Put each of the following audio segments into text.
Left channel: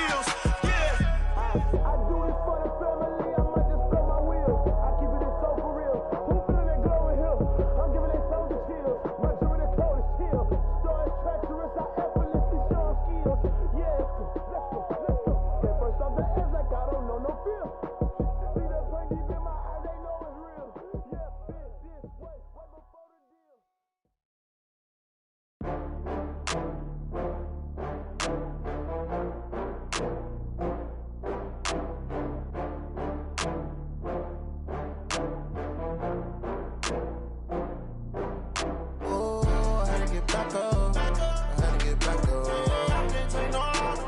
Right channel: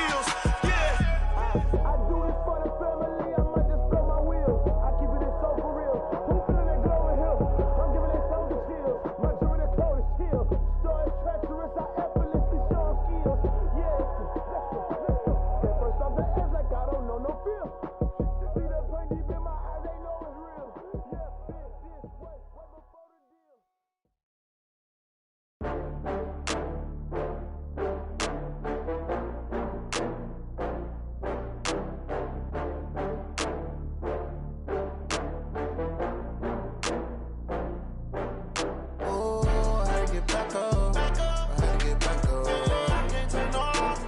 skills. Yeah. I do this for the family, I might just blow my wheels. I keep it so for real. Who feeling that glowing hill? I'm giving that soldier chills. My jury the cold is chill. Story treacherous, I effortlessly show skills. Yeah, let's go. Get first off the edge like I don't know no feel. See that pain deep in my eyes, they know it's real. Yeah, bitch, this way before the deal. Oh, I had to get back up. I had to get back up. I can't take no loss.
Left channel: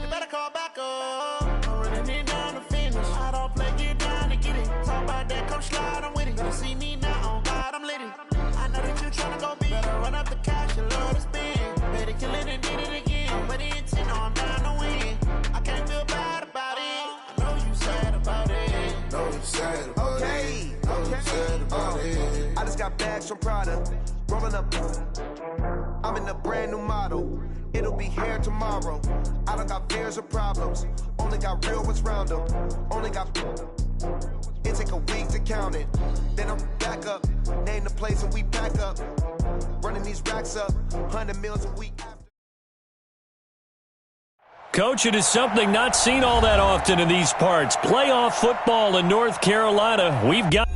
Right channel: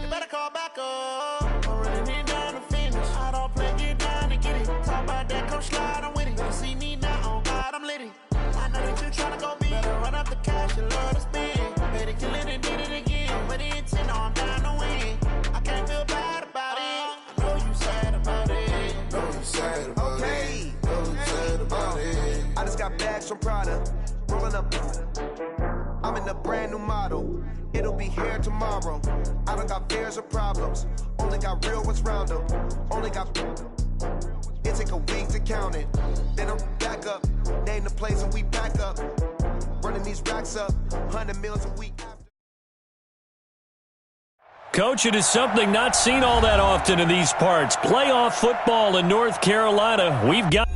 You better call back up. I'm running it down to finish. I don't play, get down to get it. Talk about that, come slide, I'm with it. Better see me now, on God, I'm lit it. I know that you tryna go big. Better run up the cash, you love to spend. Better kill it and did it again. I'm with the intent, no, I'm down to win. I can't feel bad about it. I know you sad about it. Know you sad about Okay. it. Know you sad about it. I just got bags from Prada, rolling up. I'm in a brand new model. It'll be here tomorrow. I don't got fears or problems. Only got real ones round them. Only got. It take a week to count it. Then I'm back up. Name the place and we pack up. Running these racks up. 100 meals a week. Coach, it is something not seen all that often in these parts. Playoff football in North Carolina. We've got...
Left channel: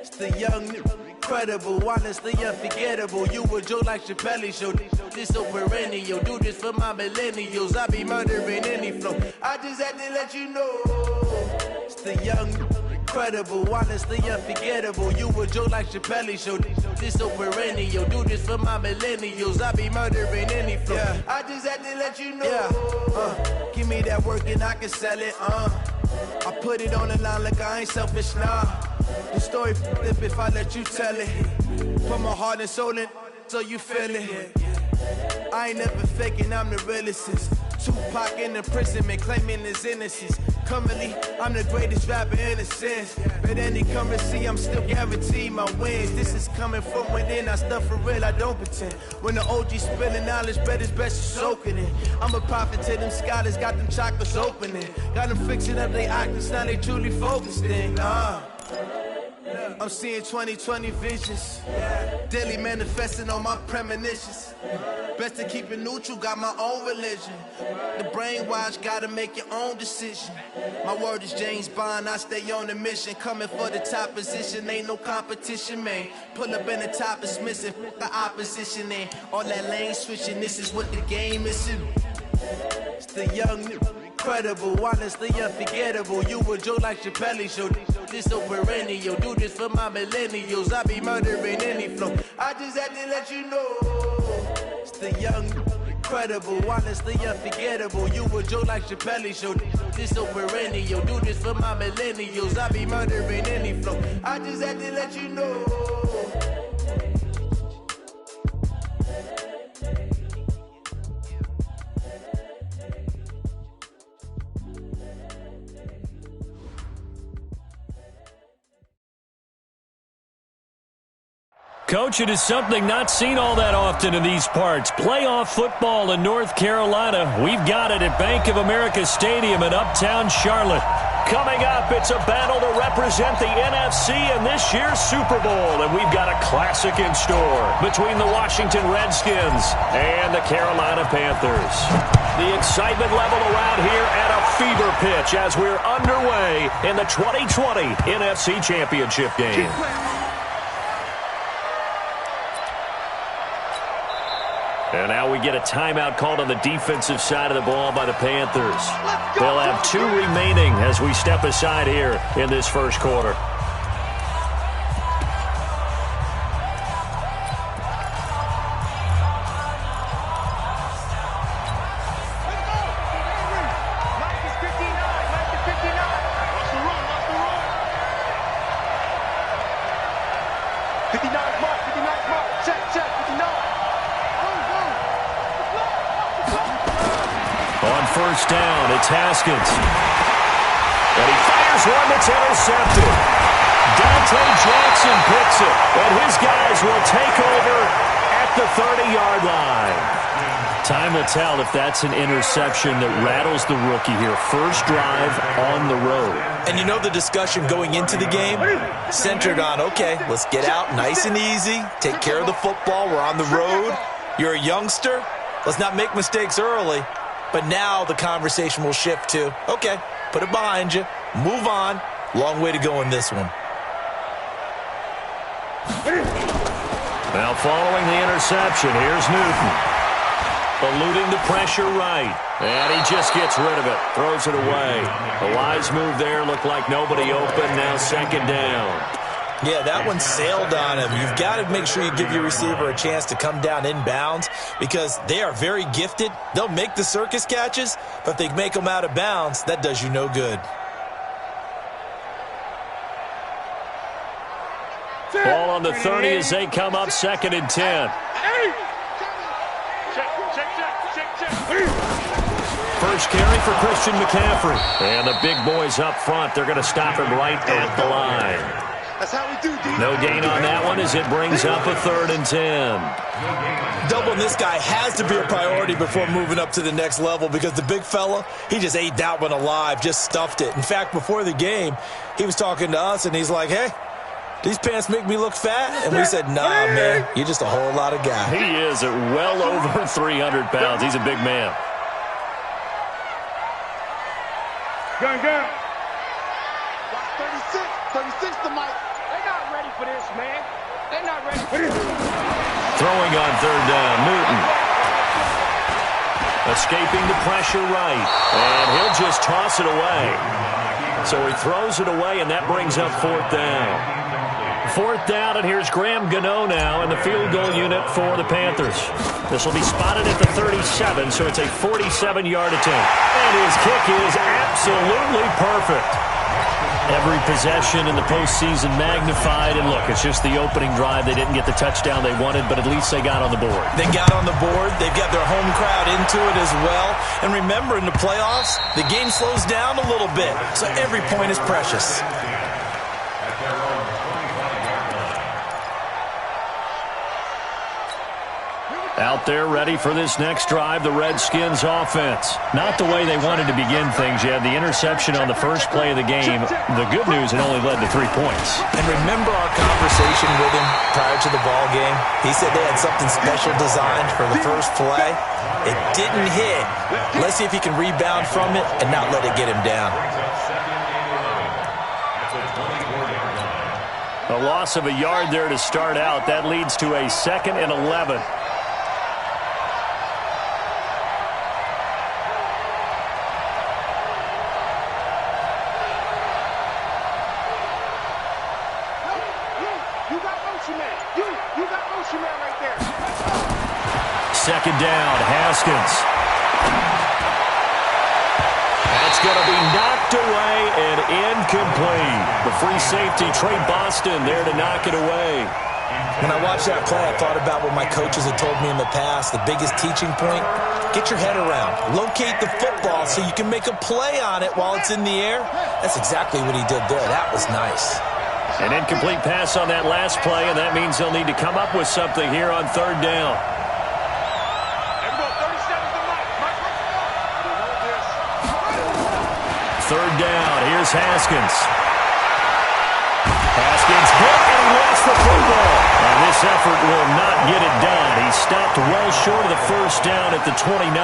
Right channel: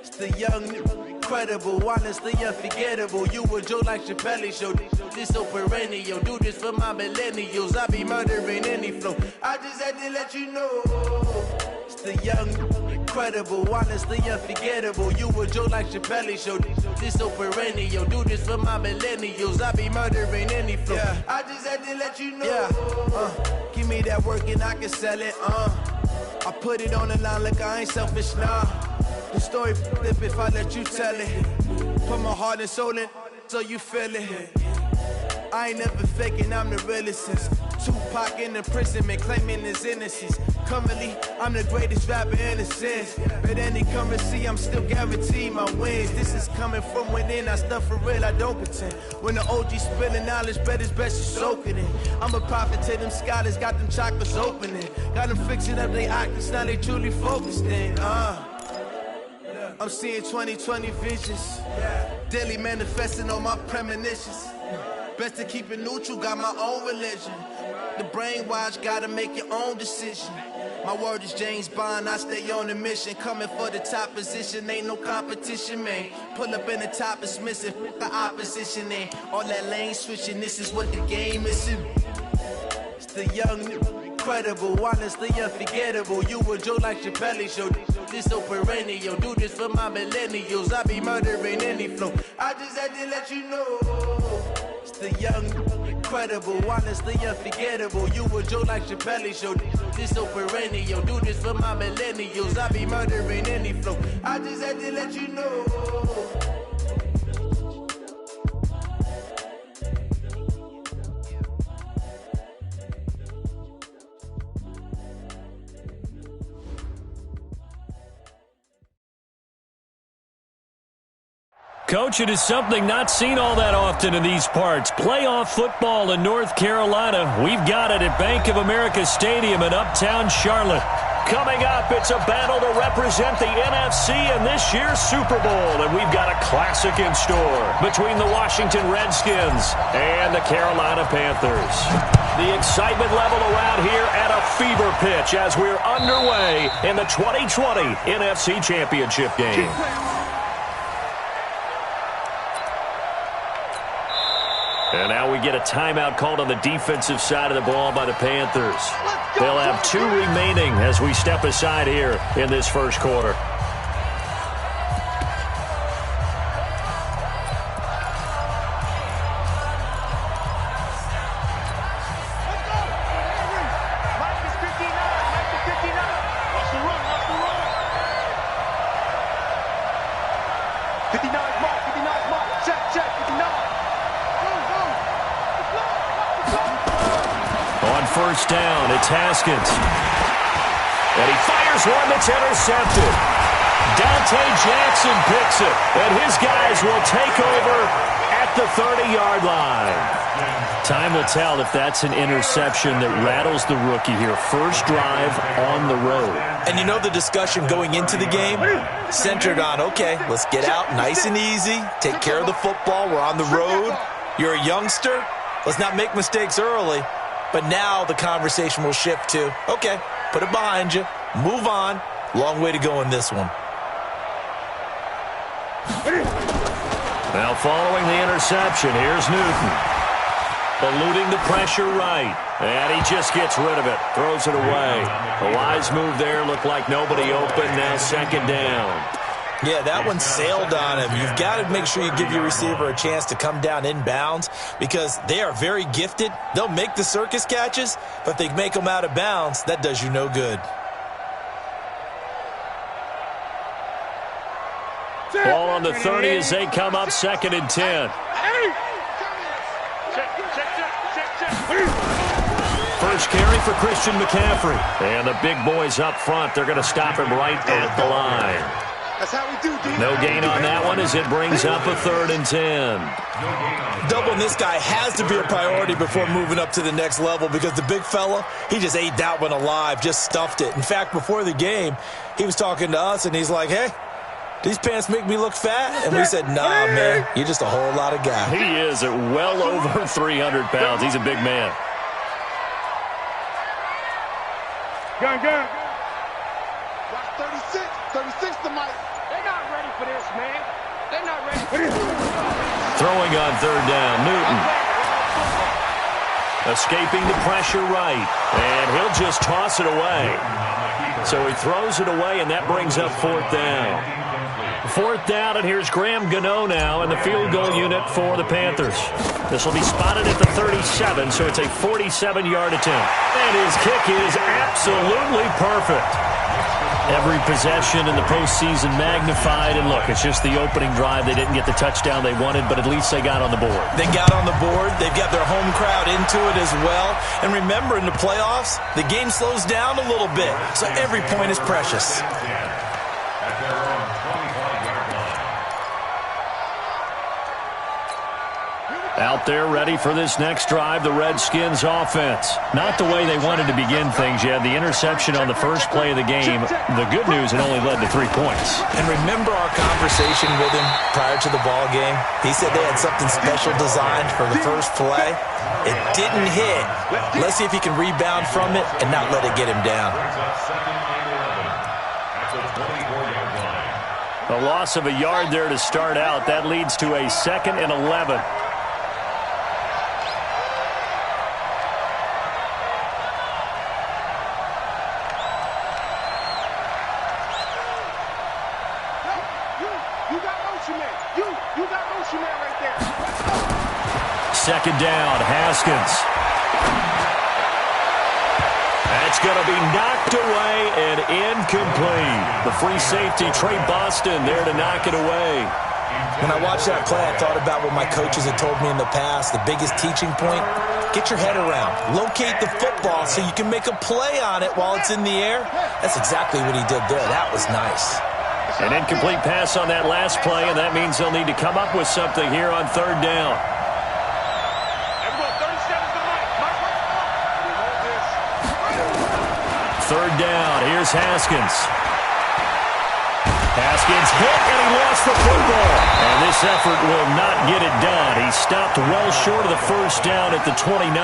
It's the young, incredible, honestly unforgettable. You a joke like Chappelle show. This so perennial. Do this for my millennials. I be murdering any flow. I just had to let you know. It's the young, incredible, honestly unforgettable. You a joke like Chappelle show. This so perennial. Do this for my millennials. I be murdering any flow. Yeah. I just had to let you know. Yeah. Give me that work and I can sell it. I put it on the line like I ain't selfish, nah. The story flip if I let you tell it. Put my heart and soul in so you feel it. I ain't never faking, I'm the realest since Tupac in imprisonment, claiming his innocence. Currently, I'm the greatest rapper in a sense. But any currency, I'm still guaranteed my wins. This is coming from within, I stuff for real, I don't pretend. When the OG spilling knowledge, bet it's best you soak it in. I'm a prophet to them scholars, got them chakras opening. Got them fixing up they octaves, now they truly focused in. I'm seeing 2020 visions. Daily manifesting on my premonitions. Best to keep it neutral, got my own religion. The brainwash, gotta make your own decision. My word is James Bond, I stay on a mission. Coming for the top position, ain't no competition, man. Pull up in the top is missing, the opposition in. All that lane switching, this is what the game is. It's the young, incredible, honestly unforgettable. You a joke like Chappelle show. This so perennial. Do this for my millennials. I be murdering any flow. I just had to let you know. It's the young, incredible, honestly unforgettable. You a joke like Chappelle show. This so perennial. Do this for my millennials. I be murdering any flow. I just had to let you know. Coach, it is something not seen all that often in these parts. Playoff football in North Carolina. We've got it at Bank of America Stadium in Uptown Charlotte. Coming up, it's a battle to represent the NFC in this year's Super Bowl. And we've got a classic in store between the Washington Redskins and the Carolina Panthers. The excitement level around here at a fever pitch as we're underway in the 2020 NFC Championship game. And now we get a timeout called on the defensive side of the ball by the Panthers. They'll have 2 remaining as we step aside here in this first quarter. Let's go! Henry! Mike is 59. Mike is 59. Watch the run. Watch the run. 59 is Mike. 59 is Mike. Check. 59. Move. The block. Watch the block. first down. It's Haskins. And he fires one that's intercepted. Dante Jackson picks it. And his guys will take over at the 30-yard line. Time will tell if that's an interception that rattles the rookie here. First drive on the road. And you know the discussion going into the game? Centered on, okay, let's get out nice and easy, take care of the football, we're on the road. You're a youngster, let's not make mistakes early. But now the conversation will shift to, okay, put it behind you, move on. Long way to go in this one. Now following the interception, here's Newton. Eluding the pressure right. And he just gets rid of it. Throws it away. A wise move there. Looked like nobody open. Now second down. Yeah, that one sailed on him. You've got to make sure you give your receiver a chance to come down inbounds because they are very gifted. They'll make the circus catches, but if they make them out of bounds, that does you no good. Ball on the 30 as they come up second and 10. First carry for Christian McCaffrey. And the big boys up front, they're going to stop him right at the line. That's how we do, D. No gain on that one as it brings up a 3rd and 10. Doubling this guy has to be a priority before moving up to the next level because the big fella, he just ate that one alive, just stuffed it. In fact, before the game, he was talking to us, and he's like, hey, these pants make me look fat? And we said, nah, man, you're just a whole lot of guy. He is at well over 300 pounds. He's a big man. Gun. Watch 36. 36 to Mike. They're not ready for this, man. They're not ready for this. Throwing on 3rd down, Newton. Escaping the pressure right. And he'll just toss it away. So he throws it away, and that brings up 4th down. 4th down, and here's Graham Gano now in the field goal unit for the Panthers. This will be spotted at the 37, so it's a 47-yard attempt. And his kick is absolutely perfect. Every possession in the postseason magnified, and look, it's just the opening drive. They didn't get the touchdown they wanted, but at least they got on the board. They got on the board. They've got their home crowd into it as well. And remember, in the playoffs, the game slows down a little bit, so every point is precious. Out there ready for this next drive, the Redskins offense. Not the way they wanted to begin things. You had the interception on the first play of the game. The good news, it only led to 3 points. And remember our conversation with him prior to the ball game? He said they had something special designed for the first play. It didn't hit. Let's see if he can rebound from it and not let it get him down. A loss of a yard there to start out. That leads to a 2nd and 11. Second down, Haskins. That's going to be knocked away and incomplete. The free safety, Trey Boston, there to knock it away. When I watched that play, I thought about what my coaches had told me in the past. The biggest teaching point, get your head around. Locate the football so you can make a play on it while it's in the air. That's exactly what he did there. That was nice. An incomplete pass on that last play, and that means they'll need to come up with something here on 3rd down. Third down, here's Haskins. Haskins hit, and he lost the football. And this effort will not get it done. He stopped well short of the first down at the 29.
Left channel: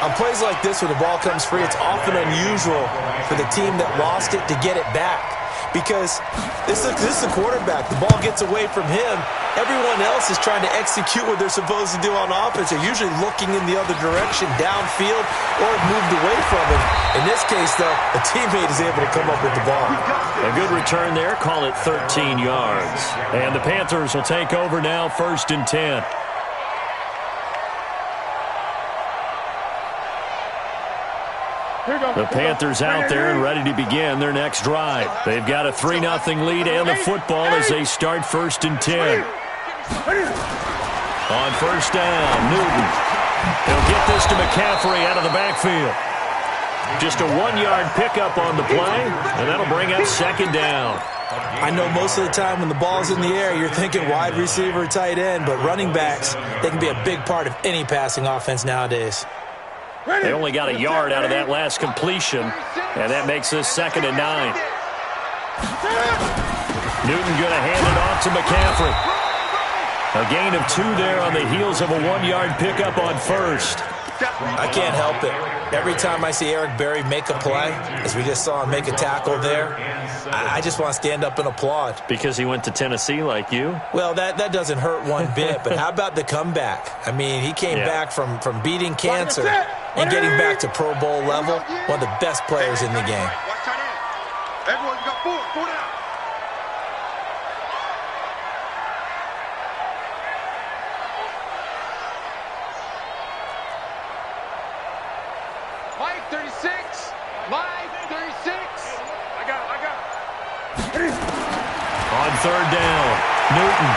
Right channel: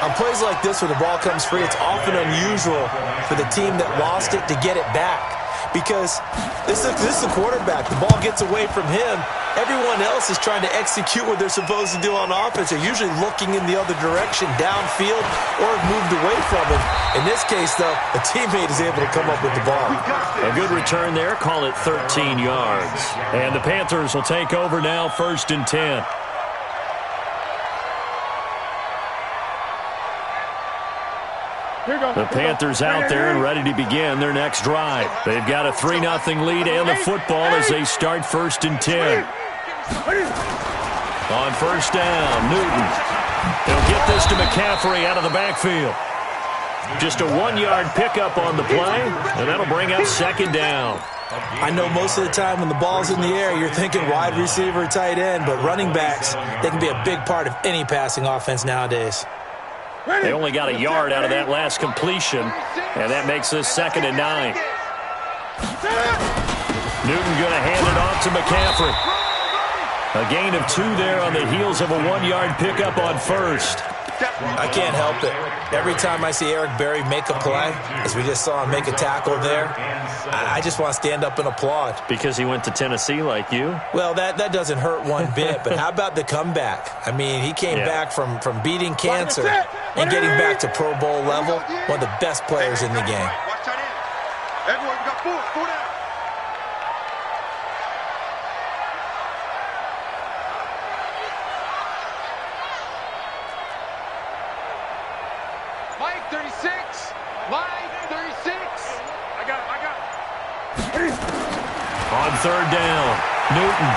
On plays like this where the ball comes free, it's often unusual for the team that lost it to get it back. Because this is the quarterback. The ball gets away from him. Everyone else is trying to execute what they're supposed to do on offense. They're usually looking in the other direction, downfield, or have moved away from him. In this case, though, a teammate is able to come up with the ball. A good return there. Call it 13 yards. And the Panthers will take over now, 1st and 10. The Panthers out there and ready to begin their next drive. They've got a 3-0 lead and the football as they start 1st and 10. On 1st down, Newton. He'll get this to McCaffrey out of the backfield. Just a 1-yard pickup on the play, and that'll bring up second down. I know most of the time when the ball's in the air, you're thinking wide receiver, tight end, but running backs, they can be a big part of any passing offense nowadays. They only got a yard out of that last completion, and that makes this 2nd and 9. Newton going to hand it off to McCaffrey. A gain of 2 there on the heels of a 1-yard pickup on first. I can't help it. Every time I see Eric Berry make a play, as we just saw him make a tackle there, I just want to stand up and applaud. Because he went to Tennessee like you? Well, that doesn't hurt one bit, but how about the comeback? I mean, he came back from beating cancer and getting back to Pro Bowl level, one of the best players in the game. Watch tight end. Everyone got 4 down. Mike 36. Mike 36. I got him. On 3rd down, Newton.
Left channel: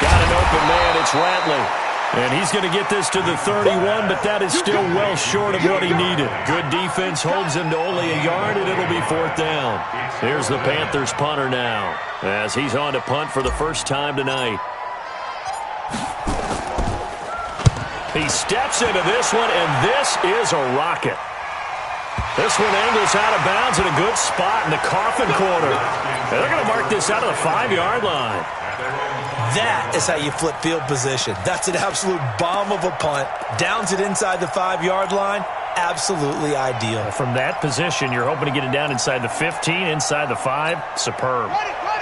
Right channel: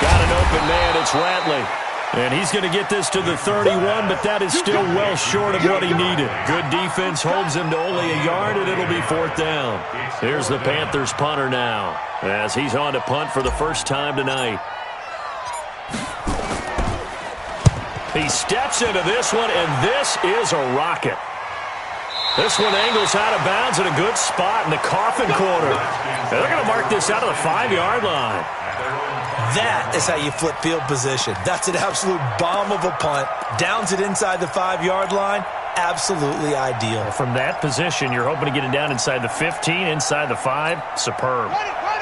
Got an open man. It's Ratley. And he's going to get this to the 31, but that is still well short of what he needed. Good defense holds him to only a yard, and it'll be 4th down. Here's the Panthers punter now, as he's on to punt for the first time tonight. He steps into this one, and this is a rocket. This one angles out of bounds in a good spot in the coffin corner. And they're going to mark this out of the 5-yard line. That is how you flip field position. That's an absolute bomb of a punt. Downs it inside the 5-yard line. Absolutely ideal. From that position, you're hoping to get it down inside the 15, inside the 5. Superb.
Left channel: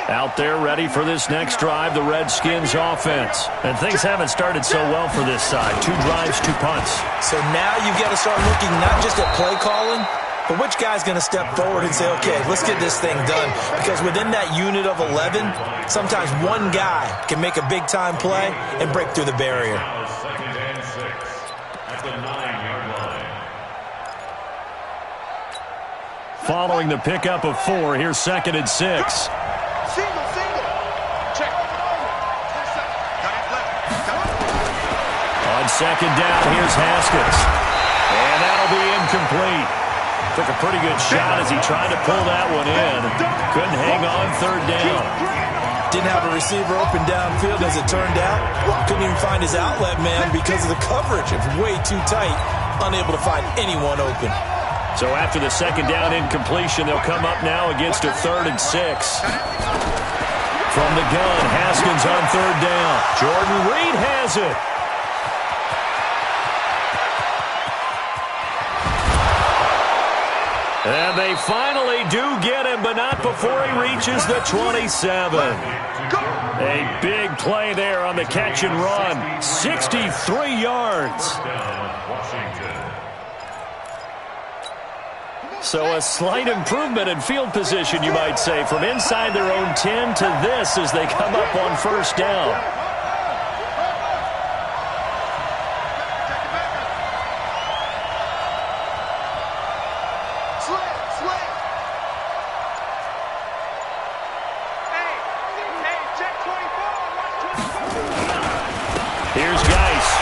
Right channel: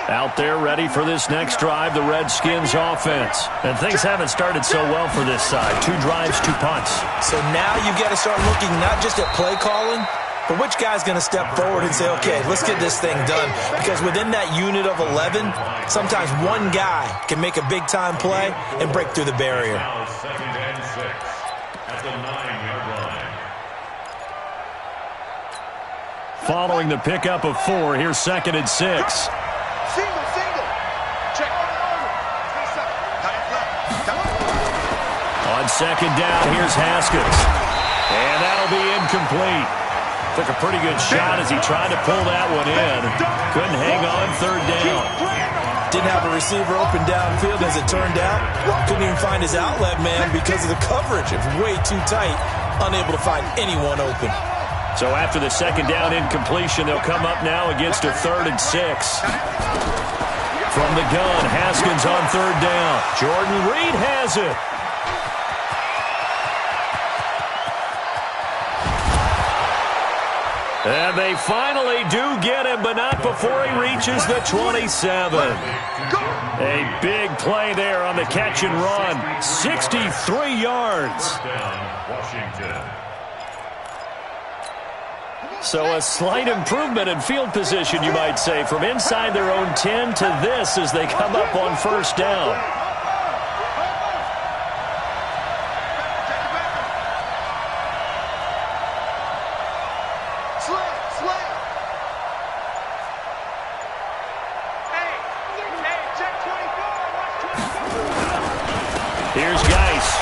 Out there ready for this next drive, the Redskins offense. And things haven't started so well for this side. 2 drives, 2 punts. So now you've got to start looking not just at play calling, but which guy's going to step forward and say, okay, let's get this thing done. Because within that unit of 11, sometimes one guy can make a big-time play and break through the barrier. Now 2nd and 6 at the 9-yard line. Following the pickup of 4, here's 2nd and 6. Single. Check. Got it left. On 2nd down, here's Haskins. And that'll be incomplete. Took a pretty good shot as he tried to pull that one in. Couldn't hang on 3rd down. Didn't have a receiver open downfield as it turned out. Couldn't even find his outlet man because of the coverage. It was way too tight. Unable to find anyone open. So after the 2nd down incompletion, they'll come up now against a 3rd and 6. From the gun, Haskins on 3rd down. Jordan Reed has it. And they finally do get him, but not before he reaches the 27. A big play there on the catch and run. 63 yards. So a slight improvement in field position, you might say, from inside their own 10 to this as they come up on 1st down. Here's Geis.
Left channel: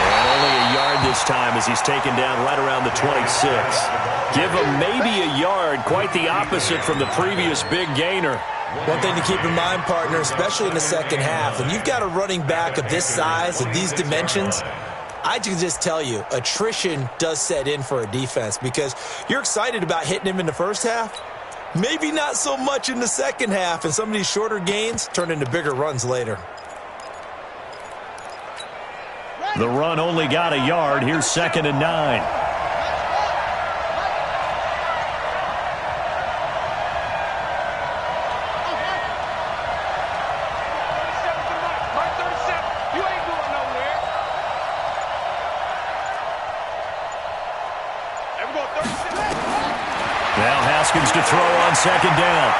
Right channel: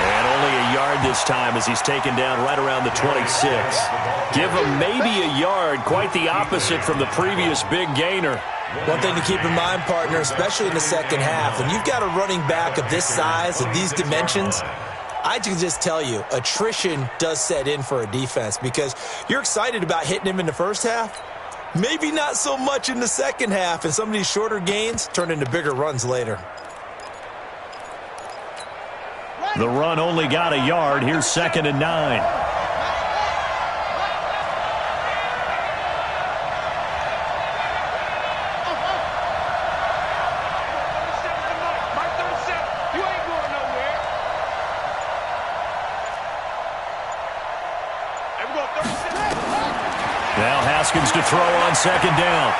And only a yard this time as he's taken down right around the 26. Give him maybe a yard, quite the opposite from the previous big gainer. One thing to keep in mind, partner, especially in the 2nd half, when you've got a running back of this size, of these dimensions, I can just tell you, attrition does set in for a defense because you're excited about hitting him in the 1st half. Maybe not so much in the 2nd half, and some of these shorter gains turn into bigger runs later. The run only got a yard. Here's 2nd and 9. Now Haskins to throw on 2nd down.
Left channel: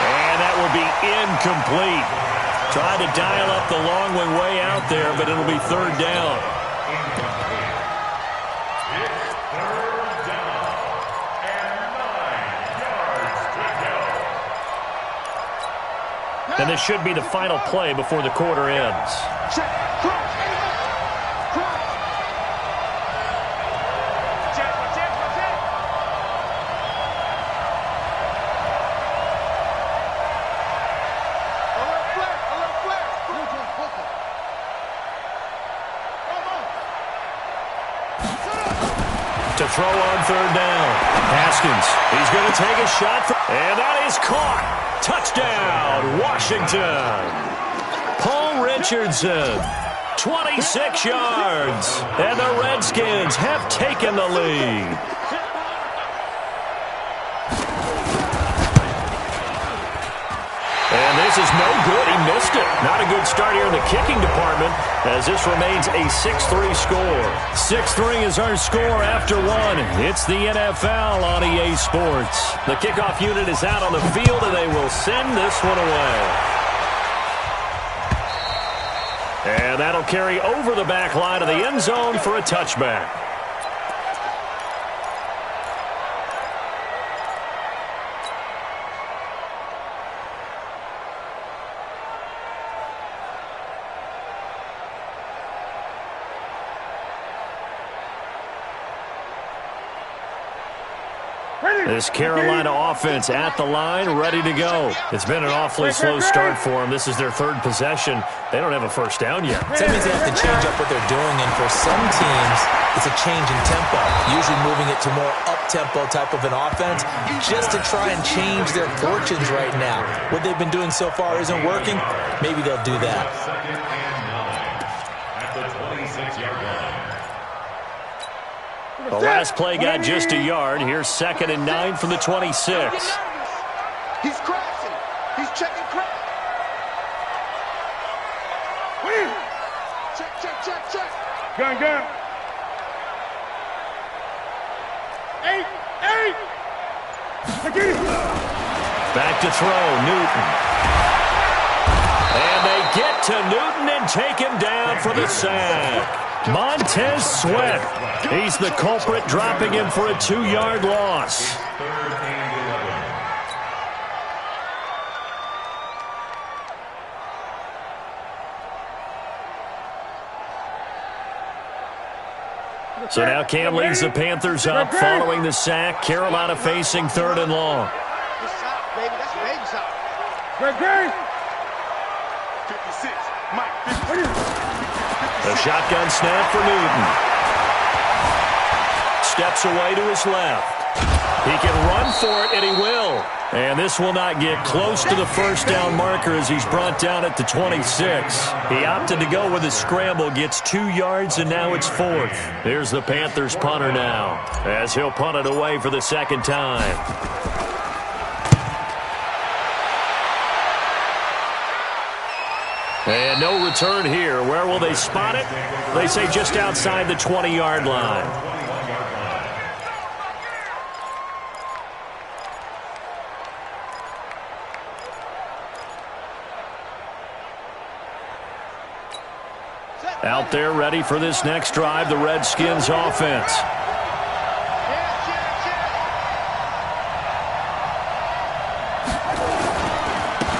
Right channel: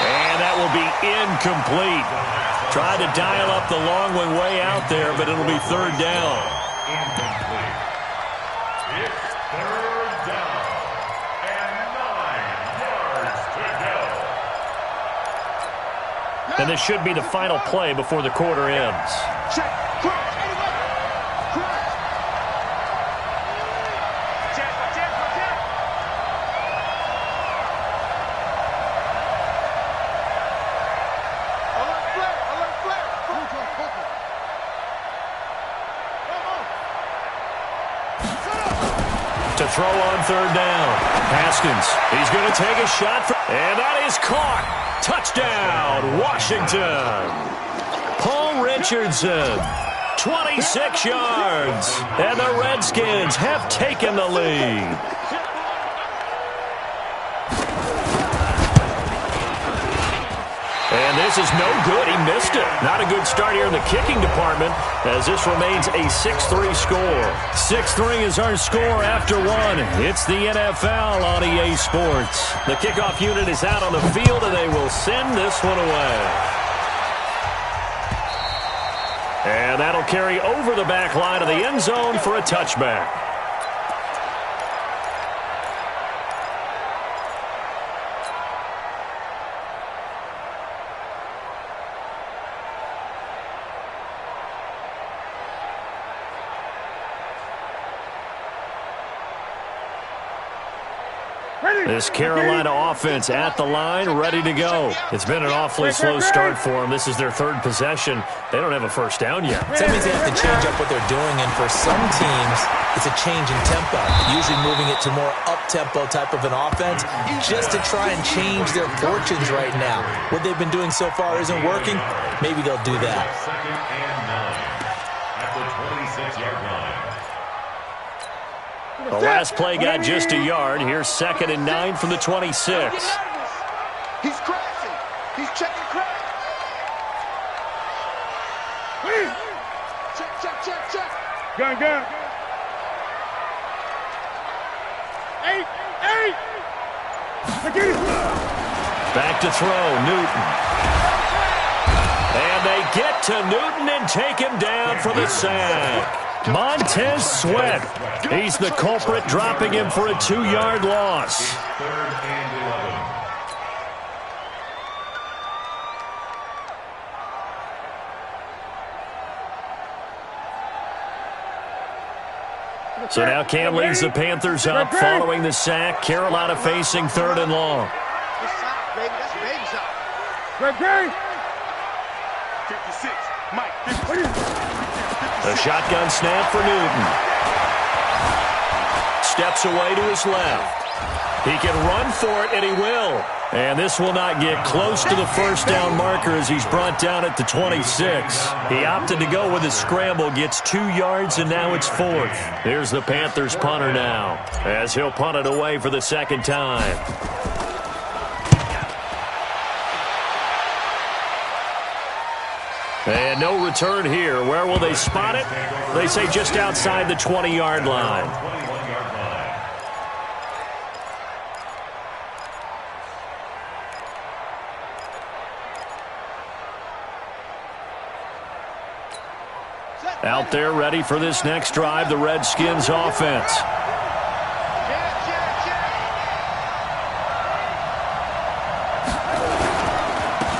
And that will be incomplete. Tried to dial up the long one way out there, but it'll be 3rd down. It's 3rd down and 9 yards to go. And this should be the final play before the quarter ends. Check. Cross. Anyway. Cross. Check. Alert flare. To throw on third down. Haskins. He's going to take a shot. And that is caught. Touchdown, Washington. Paul Richardson, 26 yards. And the Redskins have taken the lead. And this is no good. He missed it. Not a good start here in the kicking department as this remains a 6-3 score. 6-3 is our score after one. It's the NFL on EA Sports. The kickoff unit is out on the field, and they will send this one away. And that'll carry over the back line of the end zone for a touchback. This Carolina offense at the line, ready to go. It's been an awfully slow start for them. This is their third possession. They don't have a first down yet. That means they have to change up what they're doing, and for some teams, it's a change in tempo, usually moving it to more up-tempo type of an offense just to try and change their fortunes right now. What they've been doing so far isn't working. Maybe they'll do that. 2nd and 9 at the 26-yard line. The last play got just a yard. Here's 2nd and 9 from the 26. He's crashing. He's checking crack. Check. Gun. 8. Back to throw, Newton. And they get to Newton and take him down for the sack. Montez Sweat. He's the culprit, dropping him for a 2-yard loss. 3rd and 11. So now Cam leads the Panthers up following the sack. Carolina facing 3rd and long. That's baby shot. Great. 56. Mike. 56. A shotgun snap for Newton. Steps away to his left. He can run for it, and he will. And this will not get close to the first down marker as he's brought down at the 26. He opted to go with a scramble, gets 2 yards, and now it's 4th. Here's the Panthers punter now as he'll punt it away for the second time. And no return here. Where will they spot it? They say just outside the 20-yard line. 21-yard line. Out there ready for this next drive, the Redskins offense.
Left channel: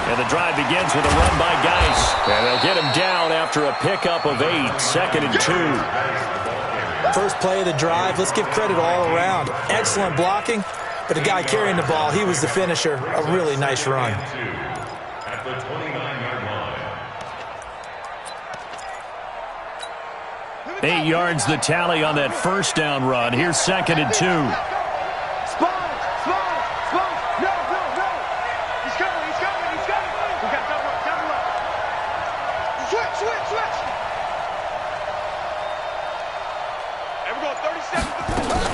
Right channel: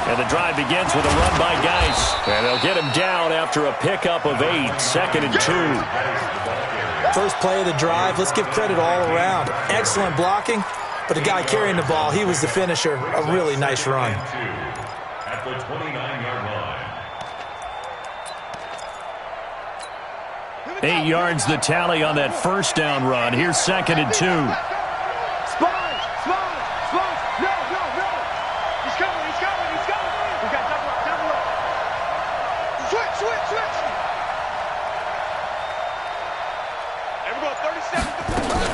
And the drive begins with a run by Geis. And they'll get him down after a pickup of 8, 2nd and 2. First play of the drive, let's give credit all around. Excellent blocking, but the guy carrying the ball, he was the finisher. A really nice run. At the 29-yard line. 8 yards the tally on that first down run. Here's 2nd and 2. Sponge. No. He's coming. We got double up. Switch. And we're going 30 seconds to play.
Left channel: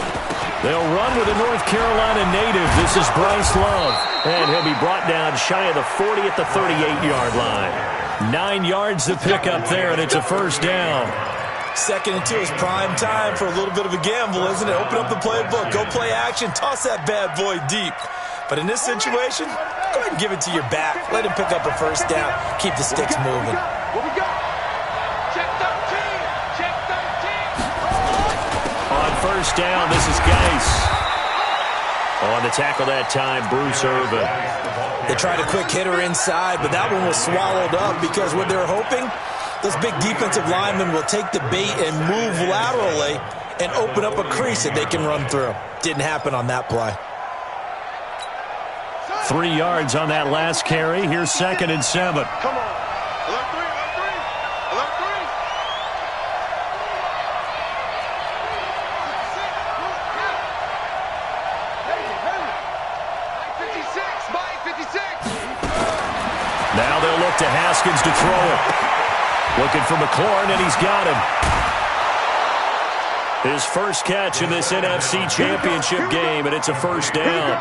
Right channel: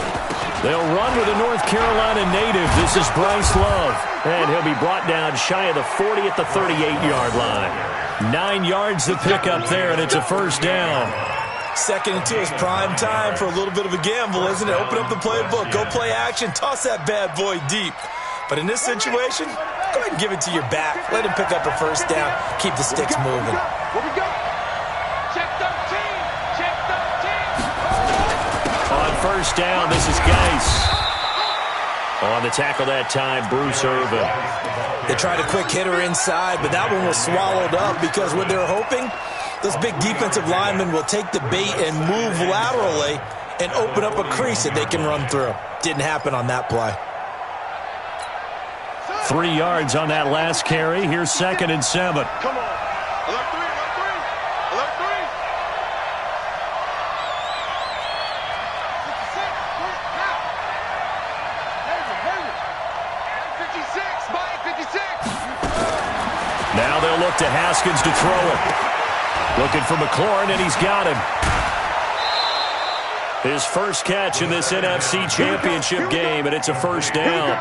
They'll run with a North Carolina native. This is Bryce Love. And he'll be brought down shy of the 40 at the 38-yard line. 9 yards to pick up there, and it's a first down. 2nd and 2 is prime time for a little bit of a gamble, isn't it? Open up the playbook, go play action, toss that bad boy deep. But in this situation, go ahead and give it to your back. Let him pick up a first down. Keep the sticks moving. Where we go? Check 13. On first down, this is Geis. On the tackle that time, Bruce Irvin. They tried a quick hitter inside, but that one was swallowed up because what they're hoping, those big defensive linemen will take the bait and move laterally and open up a crease that they can run through. Didn't happen on that play. 3 yards on that last carry. Here's 2nd and 7. Come on. Alert 3, alert 3. Alert 3. Now they'll look to Haskins to throw it. Looking for McLaurin, and he's got him. His first catch in this NFC Championship game, and it's a first down.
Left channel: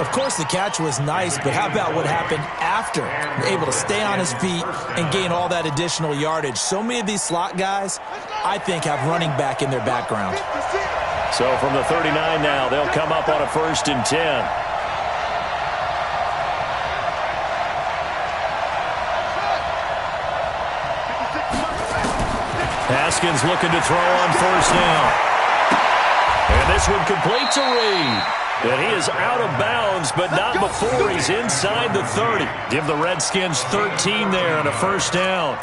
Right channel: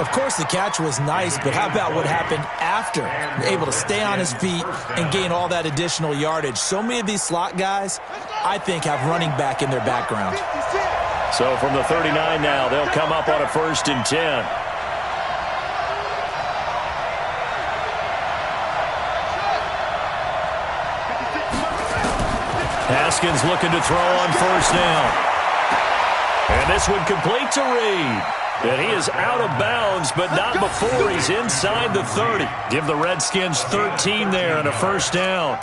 Of course, the catch was nice, but how about what happened after? Able to stay on his feet and gain all that additional yardage. So many of these slot guys, I think, have running back in their background. So from the 39 now, they'll come up on a 1st and 10. Haskins looking to throw on 1st down. And this one complete to Reed. And he is out of bounds, but not before he's inside the 30. Give the Redskins 13 there and a 1st down.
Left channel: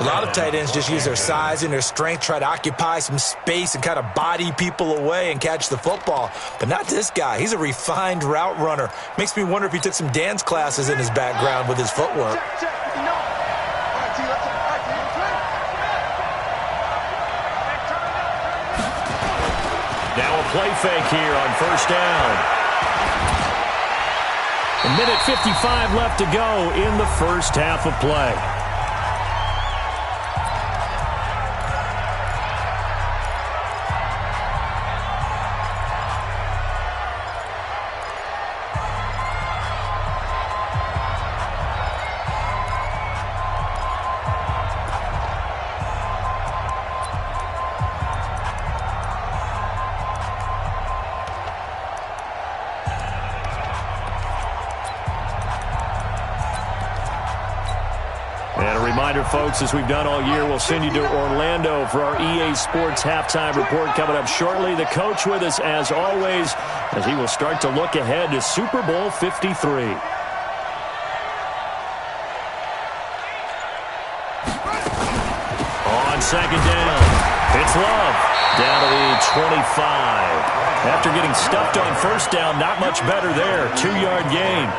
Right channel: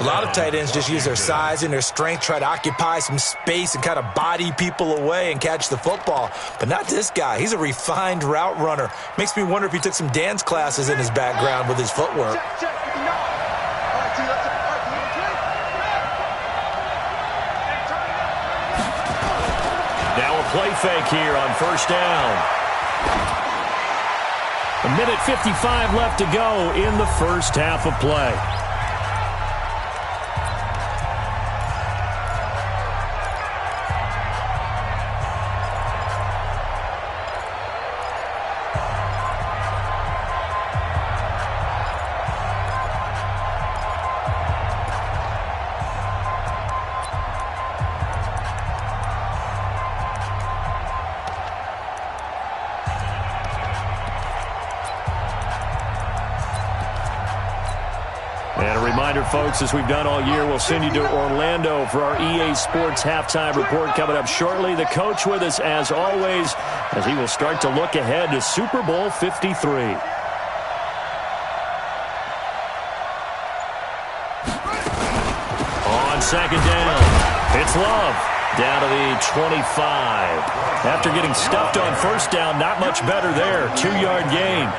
A lot of tight ends just use their size and their strength, try to occupy some space and kind of body people away and catch the football. But not this guy. He's a refined route runner. Makes me wonder if he took some dance classes in his background with his footwork. Now a play fake here on 1st down. 1:55 left to go in the first half of play. And a reminder, folks, as we've done all year, we'll send you to Orlando for our EA Sports halftime report coming up shortly. The coach with us, as always, as he will start to look ahead to Super Bowl 53. On 2nd down, it's Love. Down to the 25. After getting stuffed on 1st down, not much better there. 2-yard gain.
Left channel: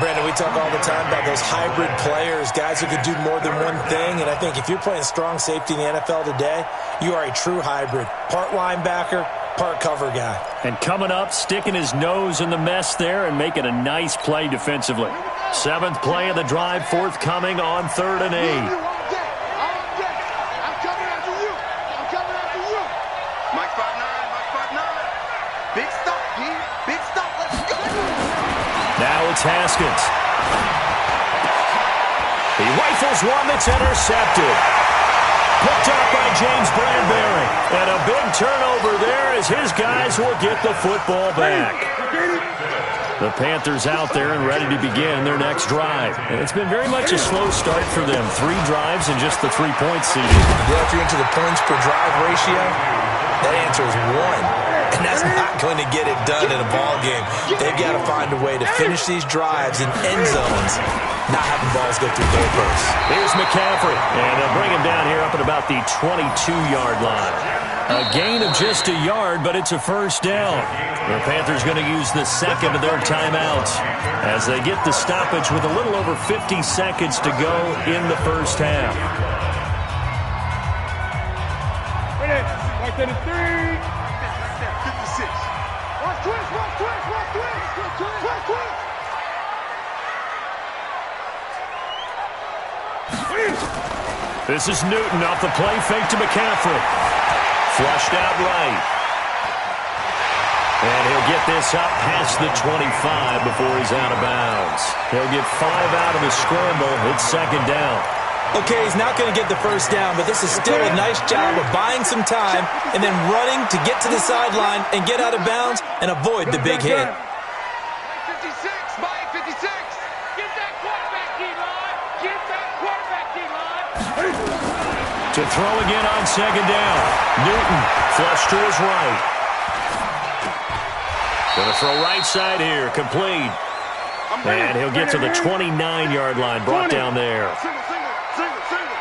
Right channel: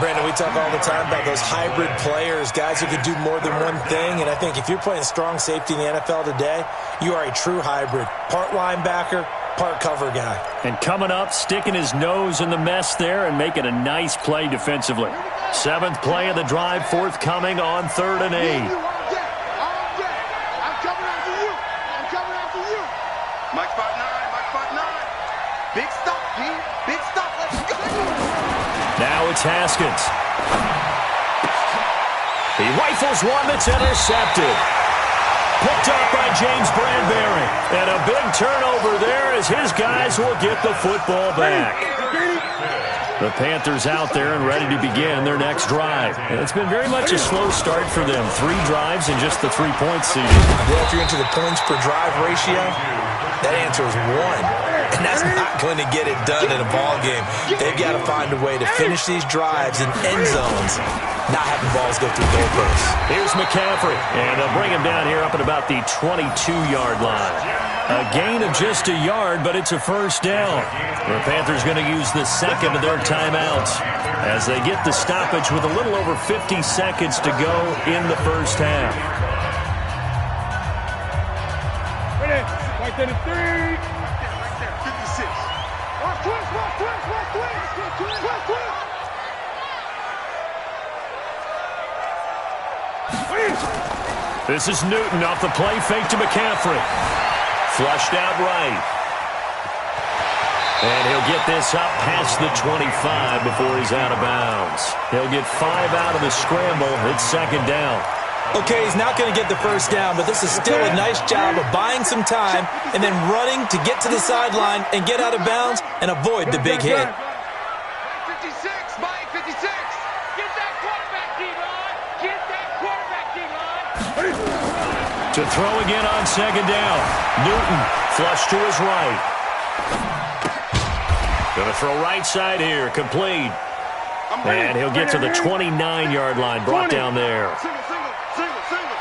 Brandon, we talk all the time about those hybrid players, guys who could do more than one thing. And I think if you're playing strong safety in the NFL today, you are a true hybrid. Part linebacker, part cover guy. And coming up, sticking his nose in the mess there and making a nice play defensively. 7th play of the drive, forthcoming on 3rd and 8. I'm coming after you. I'm coming after you. Mike 5'9", Mike 5'9". Big stop, G. Big stop. Let's go. Now it's Haskins. He rifles one that's intercepted. Picked up by James Bradbury. And a big turnover there as his guys will get the football back. The Panthers out there and ready to begin their next drive. And it's been very much a slow start for them. 3 drives and just the 3-point season. Yeah, if you're into the points per drive ratio, that answer is 1. And that's not going to get it done in a ball game. They've got to find a way to finish these drives in end zones, not having balls go through goalposts. Here's McCaffrey, and they'll bring him down here up at about the 22-yard line. A gain of just a yard, but it's a 1st down. The Panthers going to use the 2nd of their timeouts as they get the stoppage with a little over 50 seconds to go in the first half. Ready? Right there to 3. Right there, 56. Watch twist, watch twist, watch twist. Twist, twist. This is Newton off the play fake to McCaffrey. Flushed out right. And he'll get this up past the 25 before he's out of bounds. He'll get 5 out of the scramble. It's 2nd down. Okay, he's not going to get the 1st down, but this is still a nice job of buying some time and then running to get to the sideline and get out of bounds and avoid the big hit. Mike 56, Mike 56. Get that quarterback, D-line. Get that quarterback, D-line. To throw again on 2nd down. Newton flush to his right. Going to throw right side here, complete. And he'll get to the 29-yard line, brought down there. Single, single, single, single.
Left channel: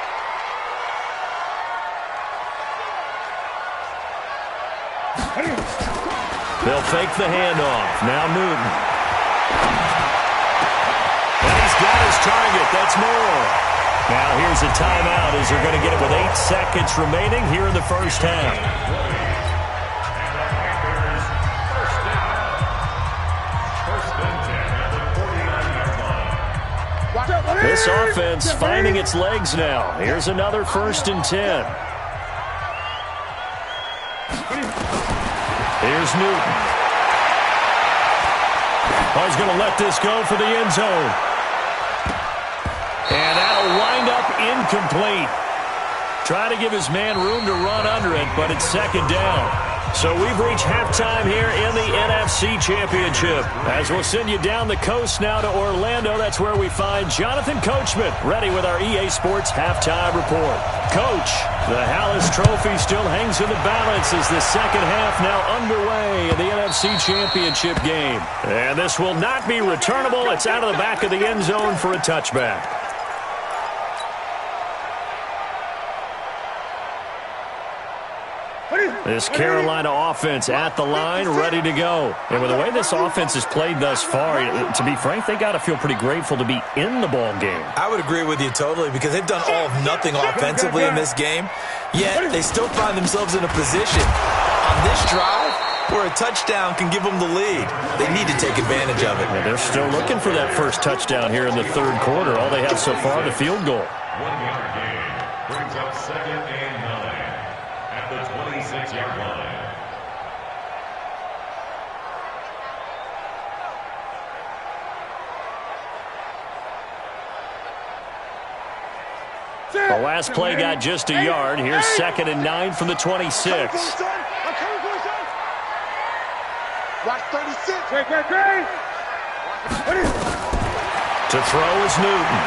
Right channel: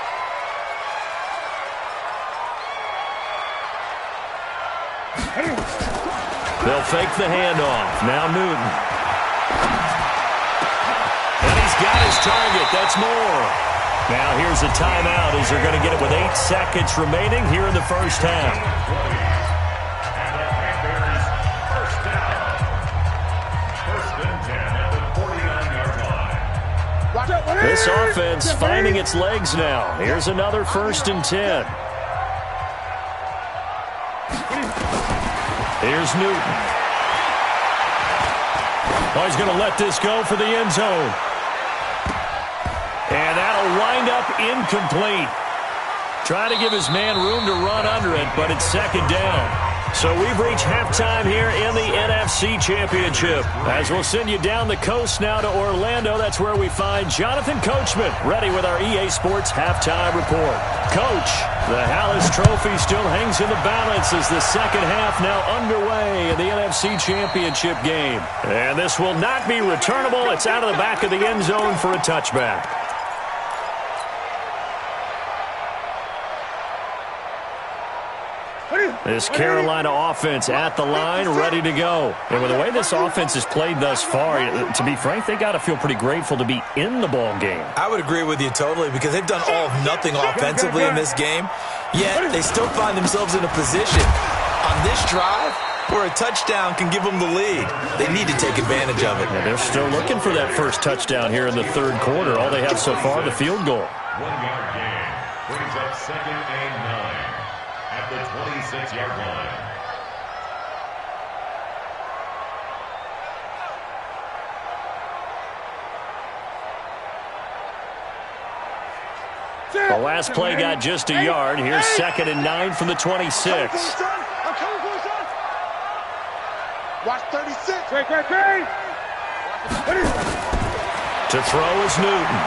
They'll fake the handoff. Now Newton. And he's got his target. That's more. Now here's a timeout as they're going to get it with 8 seconds remaining here in the first half. And the Panthers first down. First and 10 at the 49-yard line. This offense finding its legs now. Here's another first and 10. Here's Newton. Oh, he's going to let this go for the end zone. And that'll wind up incomplete. Try to give his man room to run under it, but it's second down. So we've reached halftime here in the NFC Championship. As we'll send you down the coast now to Orlando, that's where we find Jonathan Coachman, ready with our EA Sports Halftime Report. Coach, the Hallis Trophy still hangs in the balance as the second half now underway in the NFC Championship game. And this will not be returnable. It's out of the back of the end zone for a touchback. This Carolina offense at the line, ready to go. And with the way this offense has played thus far, to be frank, they got to feel pretty grateful to be in the ball game. I would agree with you totally because they've done all of nothing offensively in this game, yet they still find themselves in a position on this drive where a touchdown can give them the lead. They need to take advantage of it. And they're still looking for that first touchdown here in the third quarter. All they have so far, the field goal. 1-yard gain brings up second and 9 at the 26-yard line. The last play got just a yard. Here's second and 9 from the 26. I'm coming for you, son. Watch 36. Great. To throw is Newton.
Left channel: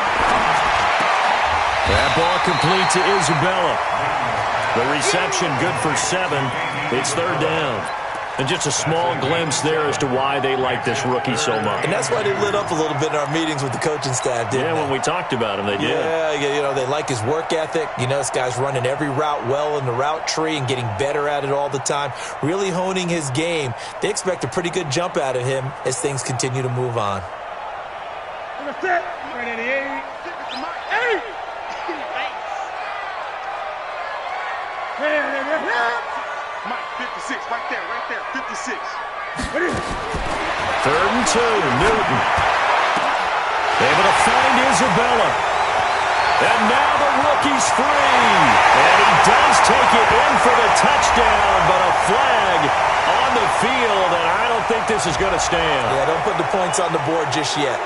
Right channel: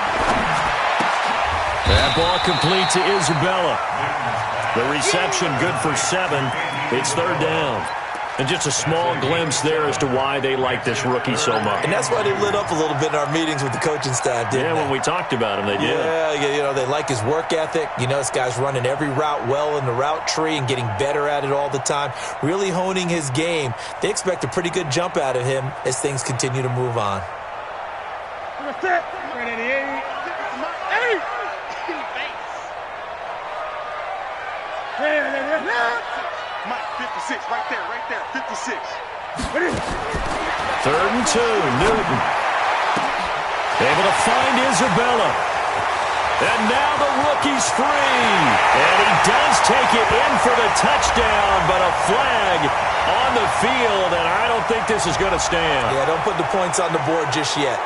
That ball complete to Isabella. The reception good for 7. It's third down. And just a small glimpse there as to why they like this rookie so much. And that's why they lit up a little bit in our meetings with the coaching staff, didn't they? Yeah, when we talked about him, they did. Yeah, you know, they like his work ethic. You know, this guy's running every route well in the route tree and getting better at it all the time, really honing his game. They expect a pretty good jump out of him as things continue to move on. Right at the 8. Mike, 56, right there, 56. Third and 2, Newton. Able to find Isabella. And now the rookie's free. And he does take it in for the touchdown, but a flag on the field, and I don't think this is going to stand. Yeah, don't put the points on the board just yet.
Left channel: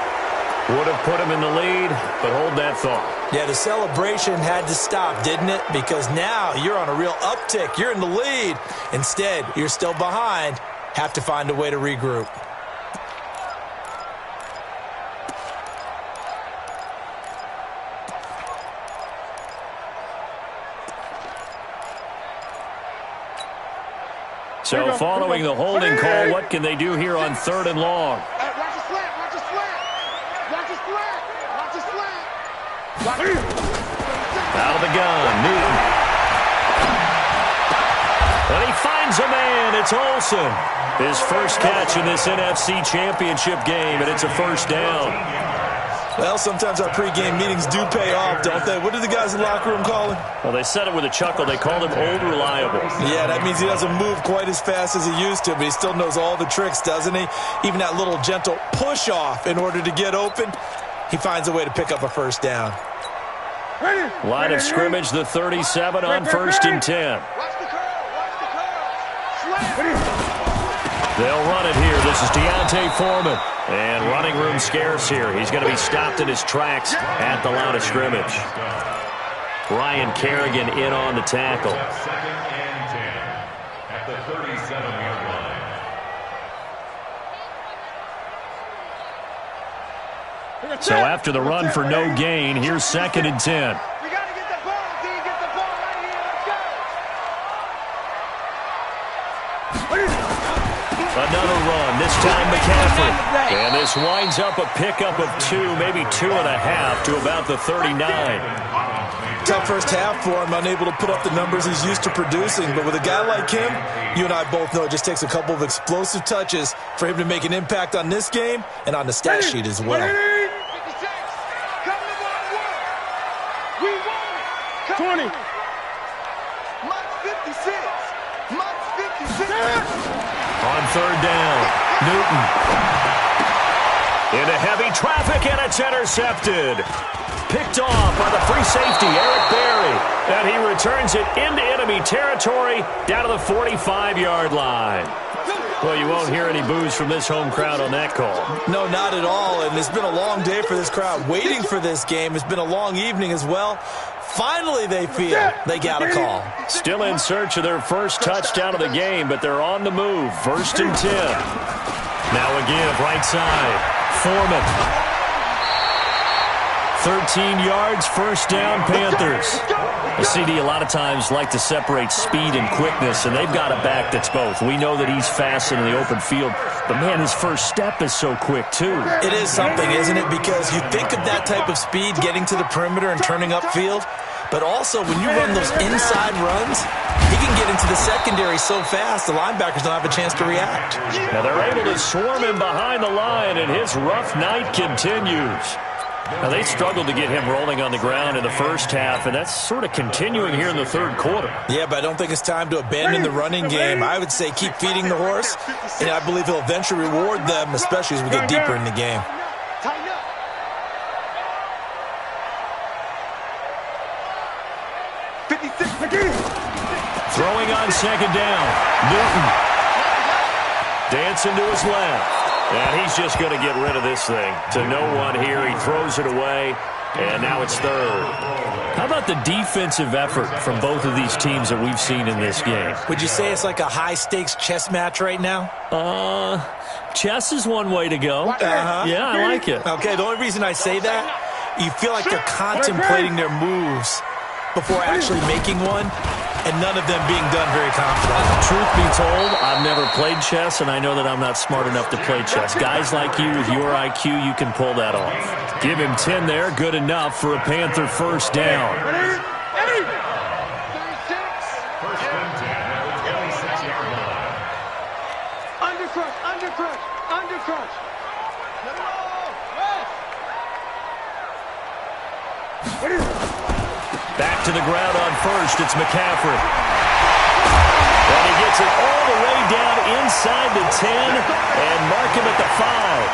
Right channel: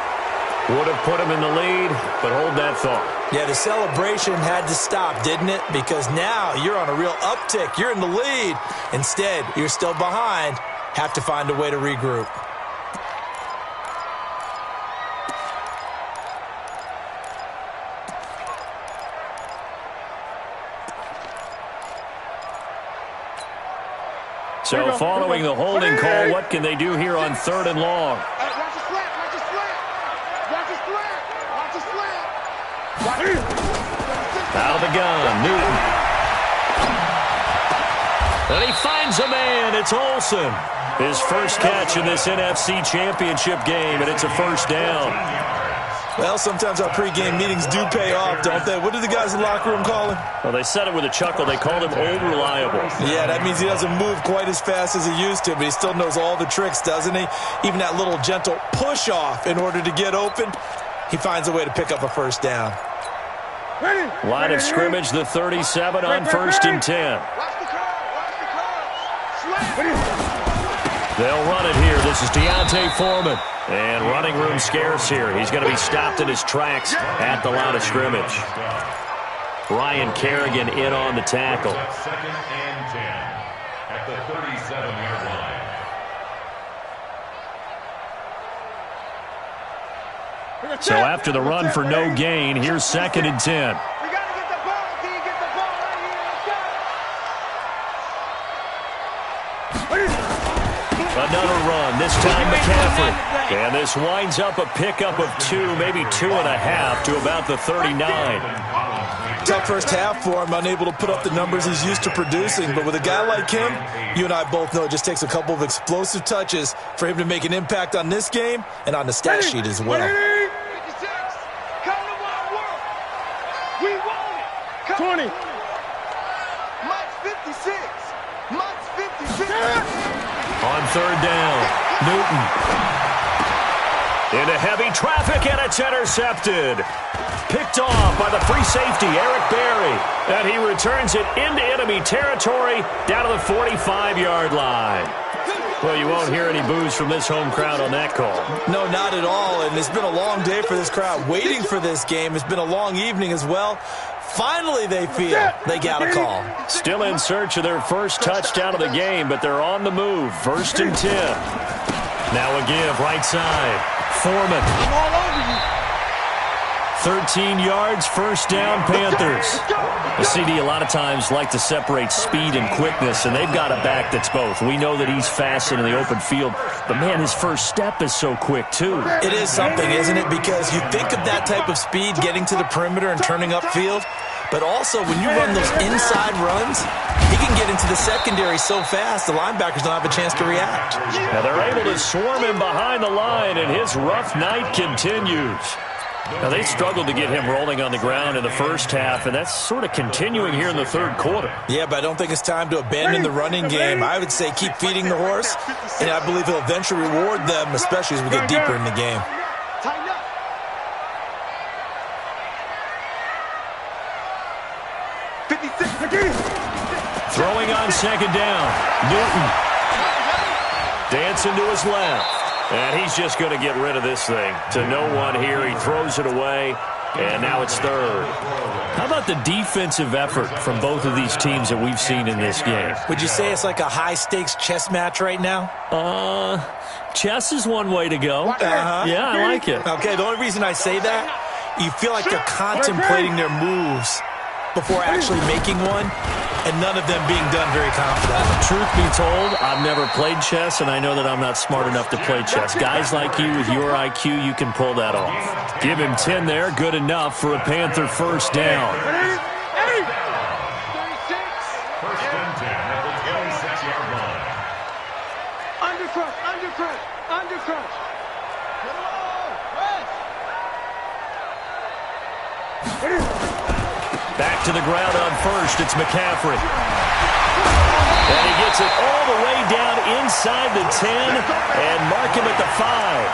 Would have put him in the lead, but hold that thought. Yeah, the celebration had to stop, didn't it? Because now you're on a real uptick. You're in the lead. Instead, you're still behind. Have to find a way to regroup. So following the holding call, what can they do here on third and long? Watch the slant. Out of the gun, Newton. And he finds a man. It's Olsen. His first catch in this NFC Championship game, and it's a first down. Well, sometimes our pregame meetings do pay off, don't they? What do the guys in the locker room call him? Well, they said it with a chuckle. They called him Old Reliable. Yeah, that means he doesn't move quite as fast as he used to, but he still knows all the tricks, doesn't he? Even that little gentle push-off in order to get open, he finds a way to pick up a first down. Line of scrimmage, the 37 on first and 10. They'll run it here. This is Deontay Foreman. And running room scarce here. He's going to be stopped in his tracks at the line of scrimmage. Brian Kerrigan in on the tackle. Second and 10 at the 37-yard line. So after the run for no gain, here's second and 10. We got to get the ball. Can you get the ball right here? Let's go. Another run, this time McCaffrey. And this winds up a pickup of 2, maybe 2.5 to about the 39. Tough first half for him, unable to put up the numbers he's used to producing. But with a guy like him, you and I both know it just takes a couple of explosive touches for him to make an impact on this game and on the stat sheet as well. 56. Come to my work. We want it. Come 20. Mike's 56. Mike's 56. On third down, Newton. Into heavy traffic, and it's intercepted. Picked off by the free safety, Eric Berry. And he returns it into enemy territory down to the 45-yard line. Well, you won't hear any boos from this home crowd on that call. No, not at all. And it's been a long day for this crowd waiting for this game. It's been a long evening as well. Finally, they feel they got a call. Still in search of their first touchdown of the game, but they're on the move. 1st and 10. Now a give, right side. Foreman. 13 yards, first down, Panthers. The CD a lot of times like to separate speed and quickness, and they've got a back that's both. We know that he's fast in the open field, but, man, his first step is so quick, too. It is something, isn't it? Because you think of that type of speed getting to the perimeter and turning upfield, but also when you run those inside runs, he can get into the secondary so fast the linebackers don't have a chance to react. Now they're able to swarm him behind the line, and his rough night continues. Now, they struggled to get him rolling on the ground in the first half, and that's sort of continuing here in the third quarter. Yeah, but I don't think it's time to abandon the running game. I would say keep feeding the horse, and I believe he'll eventually reward them, especially as we get deeper in the game. Tighten up. Throwing on second down, Newton. Dancing to his left. And he's just going to get rid of this thing. To no one here. He throws it away. And now it's third. How about the defensive effort from both of these teams that we've seen in this game? Would you say it's like a high-stakes chess match right now? Chess is one way to go. Yeah, I like it. Okay, the only reason I say that, you feel like they're contemplating their moves before actually making one, and none of them being done very confidently. Truth be told, I've never played chess, and I know that I'm not smart enough to play chess. Guys like you with your IQ, you can pull that off. Give him 10 there, good enough for a Panther first down. 36. First and 10 at the 26-yard line. Undercrunch, undercrunch, undercrunch. Get along, West. Back to the ground on first, it's McCaffrey. And he gets it all the way down inside the 10 and mark him at the 5.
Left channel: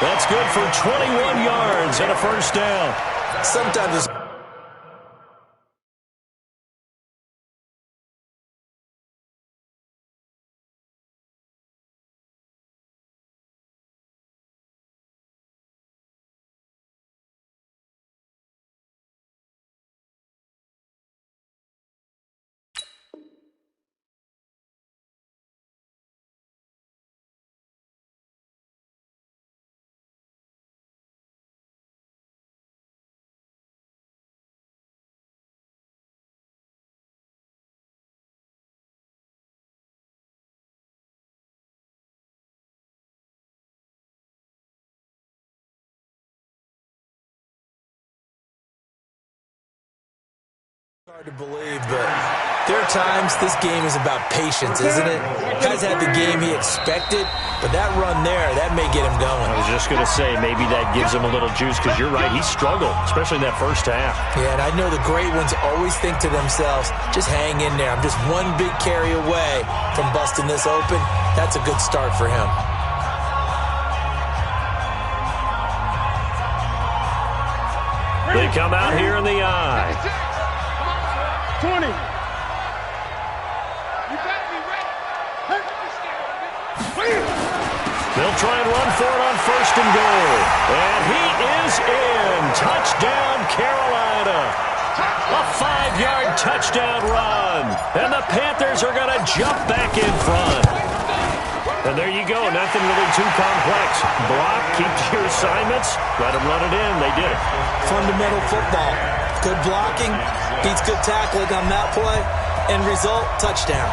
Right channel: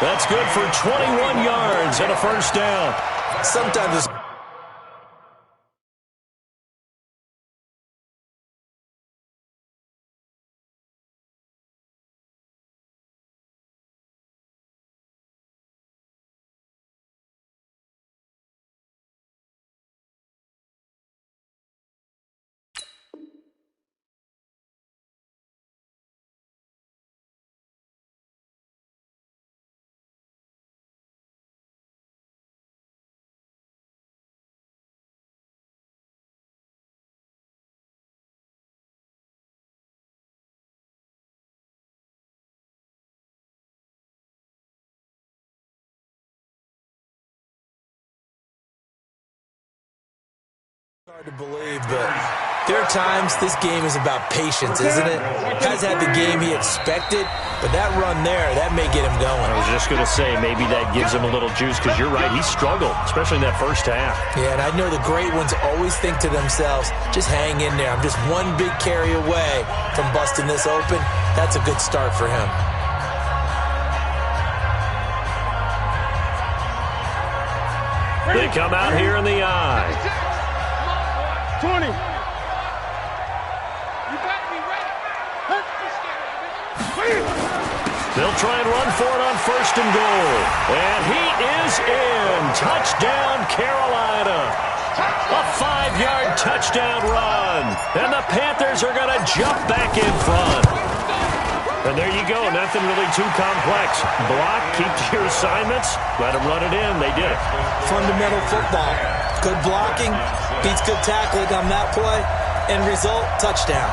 That's good for 21 yards and a first down. Sometimes it's hard to believe, but there are times this game is about patience, isn't it? Guys had the game he expected, but that run there, that may get him going. I was just going to say, maybe that gives him a little juice, because you're right, he struggled, especially in that first half. Yeah, and I know the great ones always think to themselves, just hang in there. I'm just one big carry away from busting this open. That's a good start for him. They come out here in the eye. 20. You better be ready. Don't be scared of it. They'll try and run for it on first and goal. And he is in. Touchdown, Carolina. A 5-yard touchdown run. And the Panthers are going to jump back in front. And there you go. Nothing really too complex. Block, keep to your assignments, let them run it in. They did it. Fundamental football. Good blocking, beats good tackling on that play. End result, touchdown.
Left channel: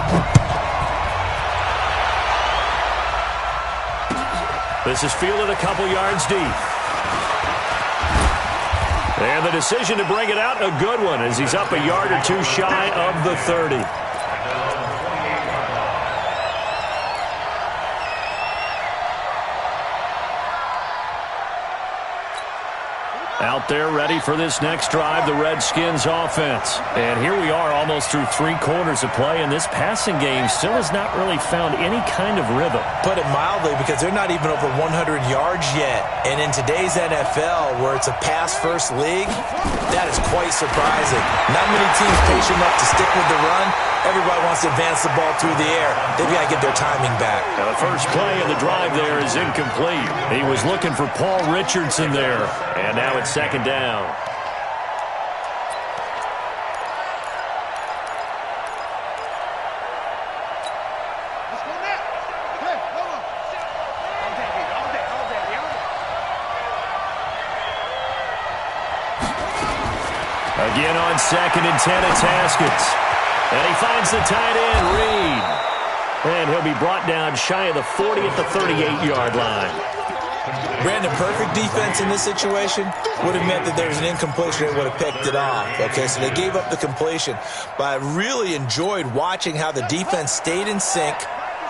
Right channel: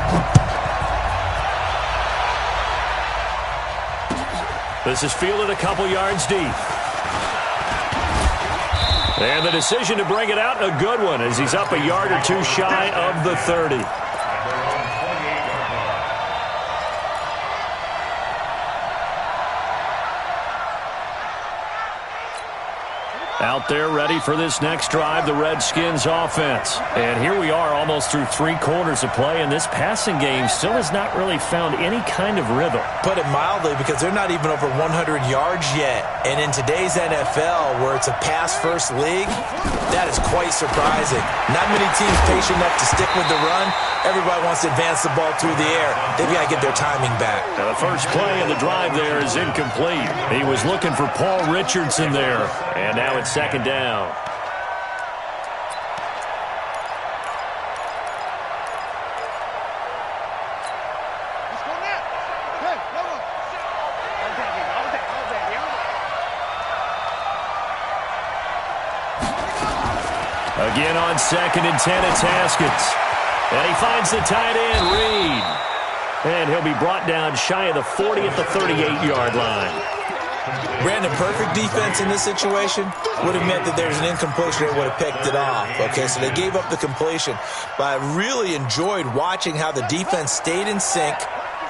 This is fielded a couple yards deep. And the decision to bring it out, a good one, as he's up a yard or two shy of the 30. Out there ready for this next drive, the Redskins offense. And here we are almost through 3 quarters of play, and this passing game still has not really found any kind of rhythm. Put it mildly, because they're not even over 100 yards yet. And in today's NFL, where it's a pass-first league, that is quite surprising. Not many teams patient enough to stick with the run. Everybody wants to advance the ball through the air. They've got to get their timing back. Now the first play of the drive there is incomplete. He was looking for Paul Richardson there. And now it's second down. Let's go now. Hey, Lobo. Again on 2nd and 10, it's Haskins. And he finds the tight end, Reed. And he'll be brought down shy of the 40 at the 38-yard line. Brandon, perfect defense in this situation would have meant that there was an incompletion. They would have picked it off. Okay, so they gave up the completion. But I really enjoyed watching how the defense stayed in sync,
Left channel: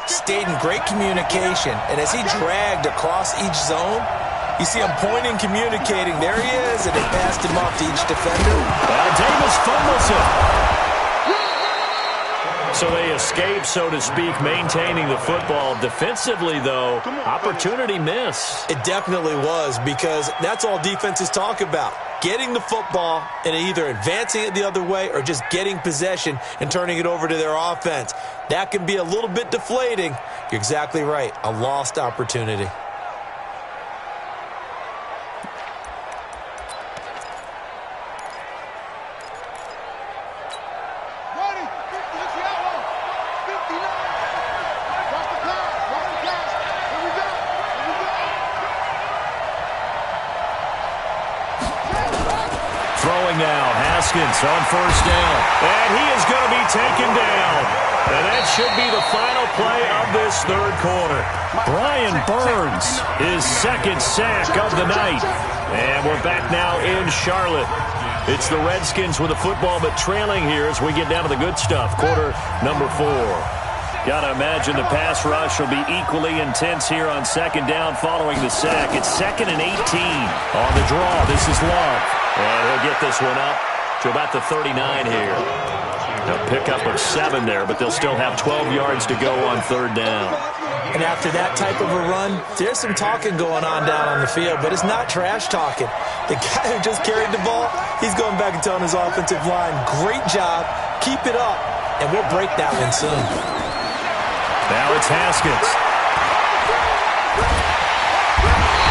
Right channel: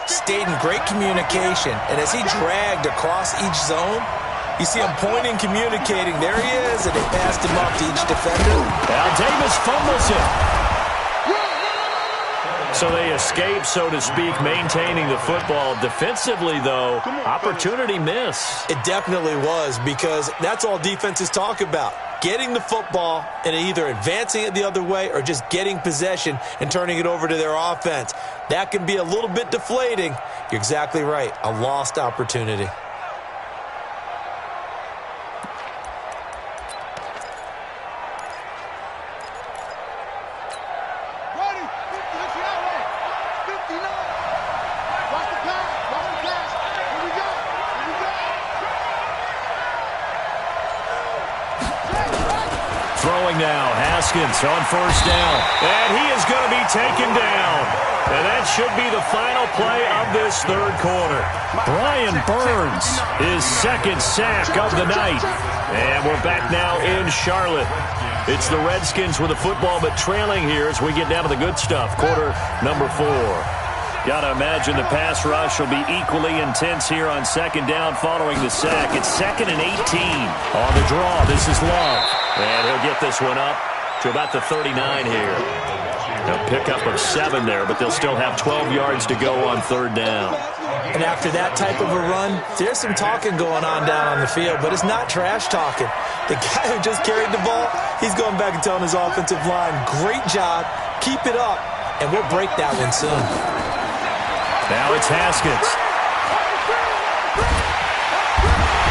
stayed in great communication. And as he dragged across each zone, you see him pointing, communicating. There he is, and they passed him off to each defender. Al Davis fumbles it. So they escape, so to speak, maintaining the football. Defensively, though, opportunity miss. It definitely was, because that's all defenses talk about. Getting the football and either advancing it the other way or just getting possession and turning it over to their offense. That can be a little bit deflating. You're exactly right. A lost opportunity. Now, Haskins on first down. And he is going to be taken down. And that should be the final play of this third quarter. Brian Burns, his second sack of the night. And we're back now in Charlotte. It's the Redskins with the football, but trailing here as we get down to the good stuff. Quarter number 4. Got to imagine the pass rush will be equally intense here on second down following the sack. It's 2nd and 18 on the draw. This is Love. And he'll get this one up to about the 39 here. A pickup of 7 there, but they'll still have 12 yards to go on third down. And after that type of a run, there's some talking going on down on the field, but it's not trash talking. The guy who just carried the ball, he's going back and telling his offensive line, great job, keep it up, and we'll break that one soon. Now it's Haskins.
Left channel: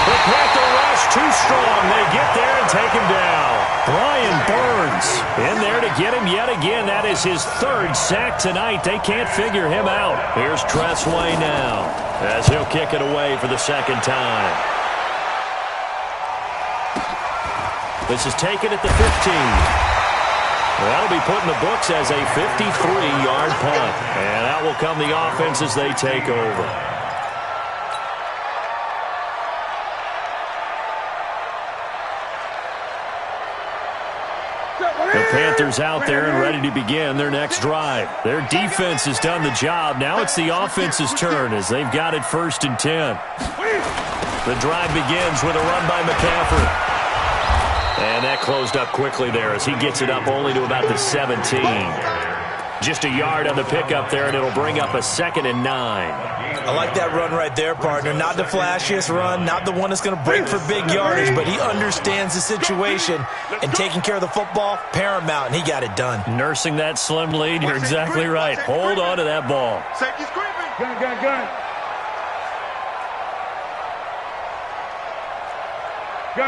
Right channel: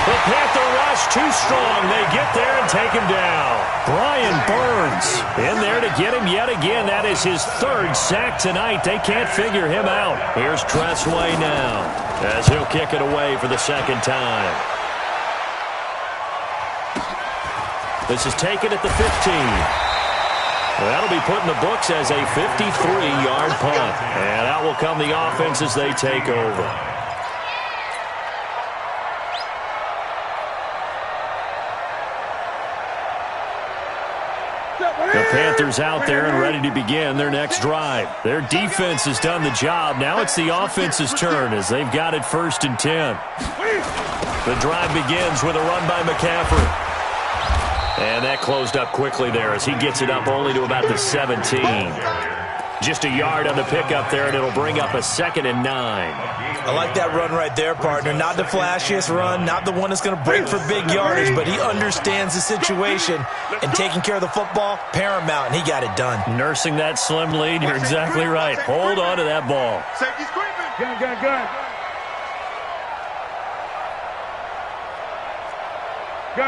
The Panther rush too strong. They get there and take him down. Brian Burns in there to get him yet again. That is his 3rd sack tonight. They can't figure him out. Here's Tressway now as he'll kick it away for the 2nd time. This is taken at the 15. That'll be put in the books as a 53-yard punt. And out will come the offense as they take over. The Panthers out there and ready to begin their next drive. Their defense has done the job. Now it's the offense's turn as they've got it 1st and 10. The drive begins with a run by McCaffrey. And that closed up quickly there as he gets it up only to about the 17. Just a yard on the pickup there, and it'll bring up a 2nd and 9. I like that run right there, partner. Not the flashiest run, not the one that's going to break for big yardage, but he understands the situation, and taking care of the football, paramount, and he got it done. Nursing that slim lead, you're exactly right. Hold on to that ball. Safety's creeping. Gun.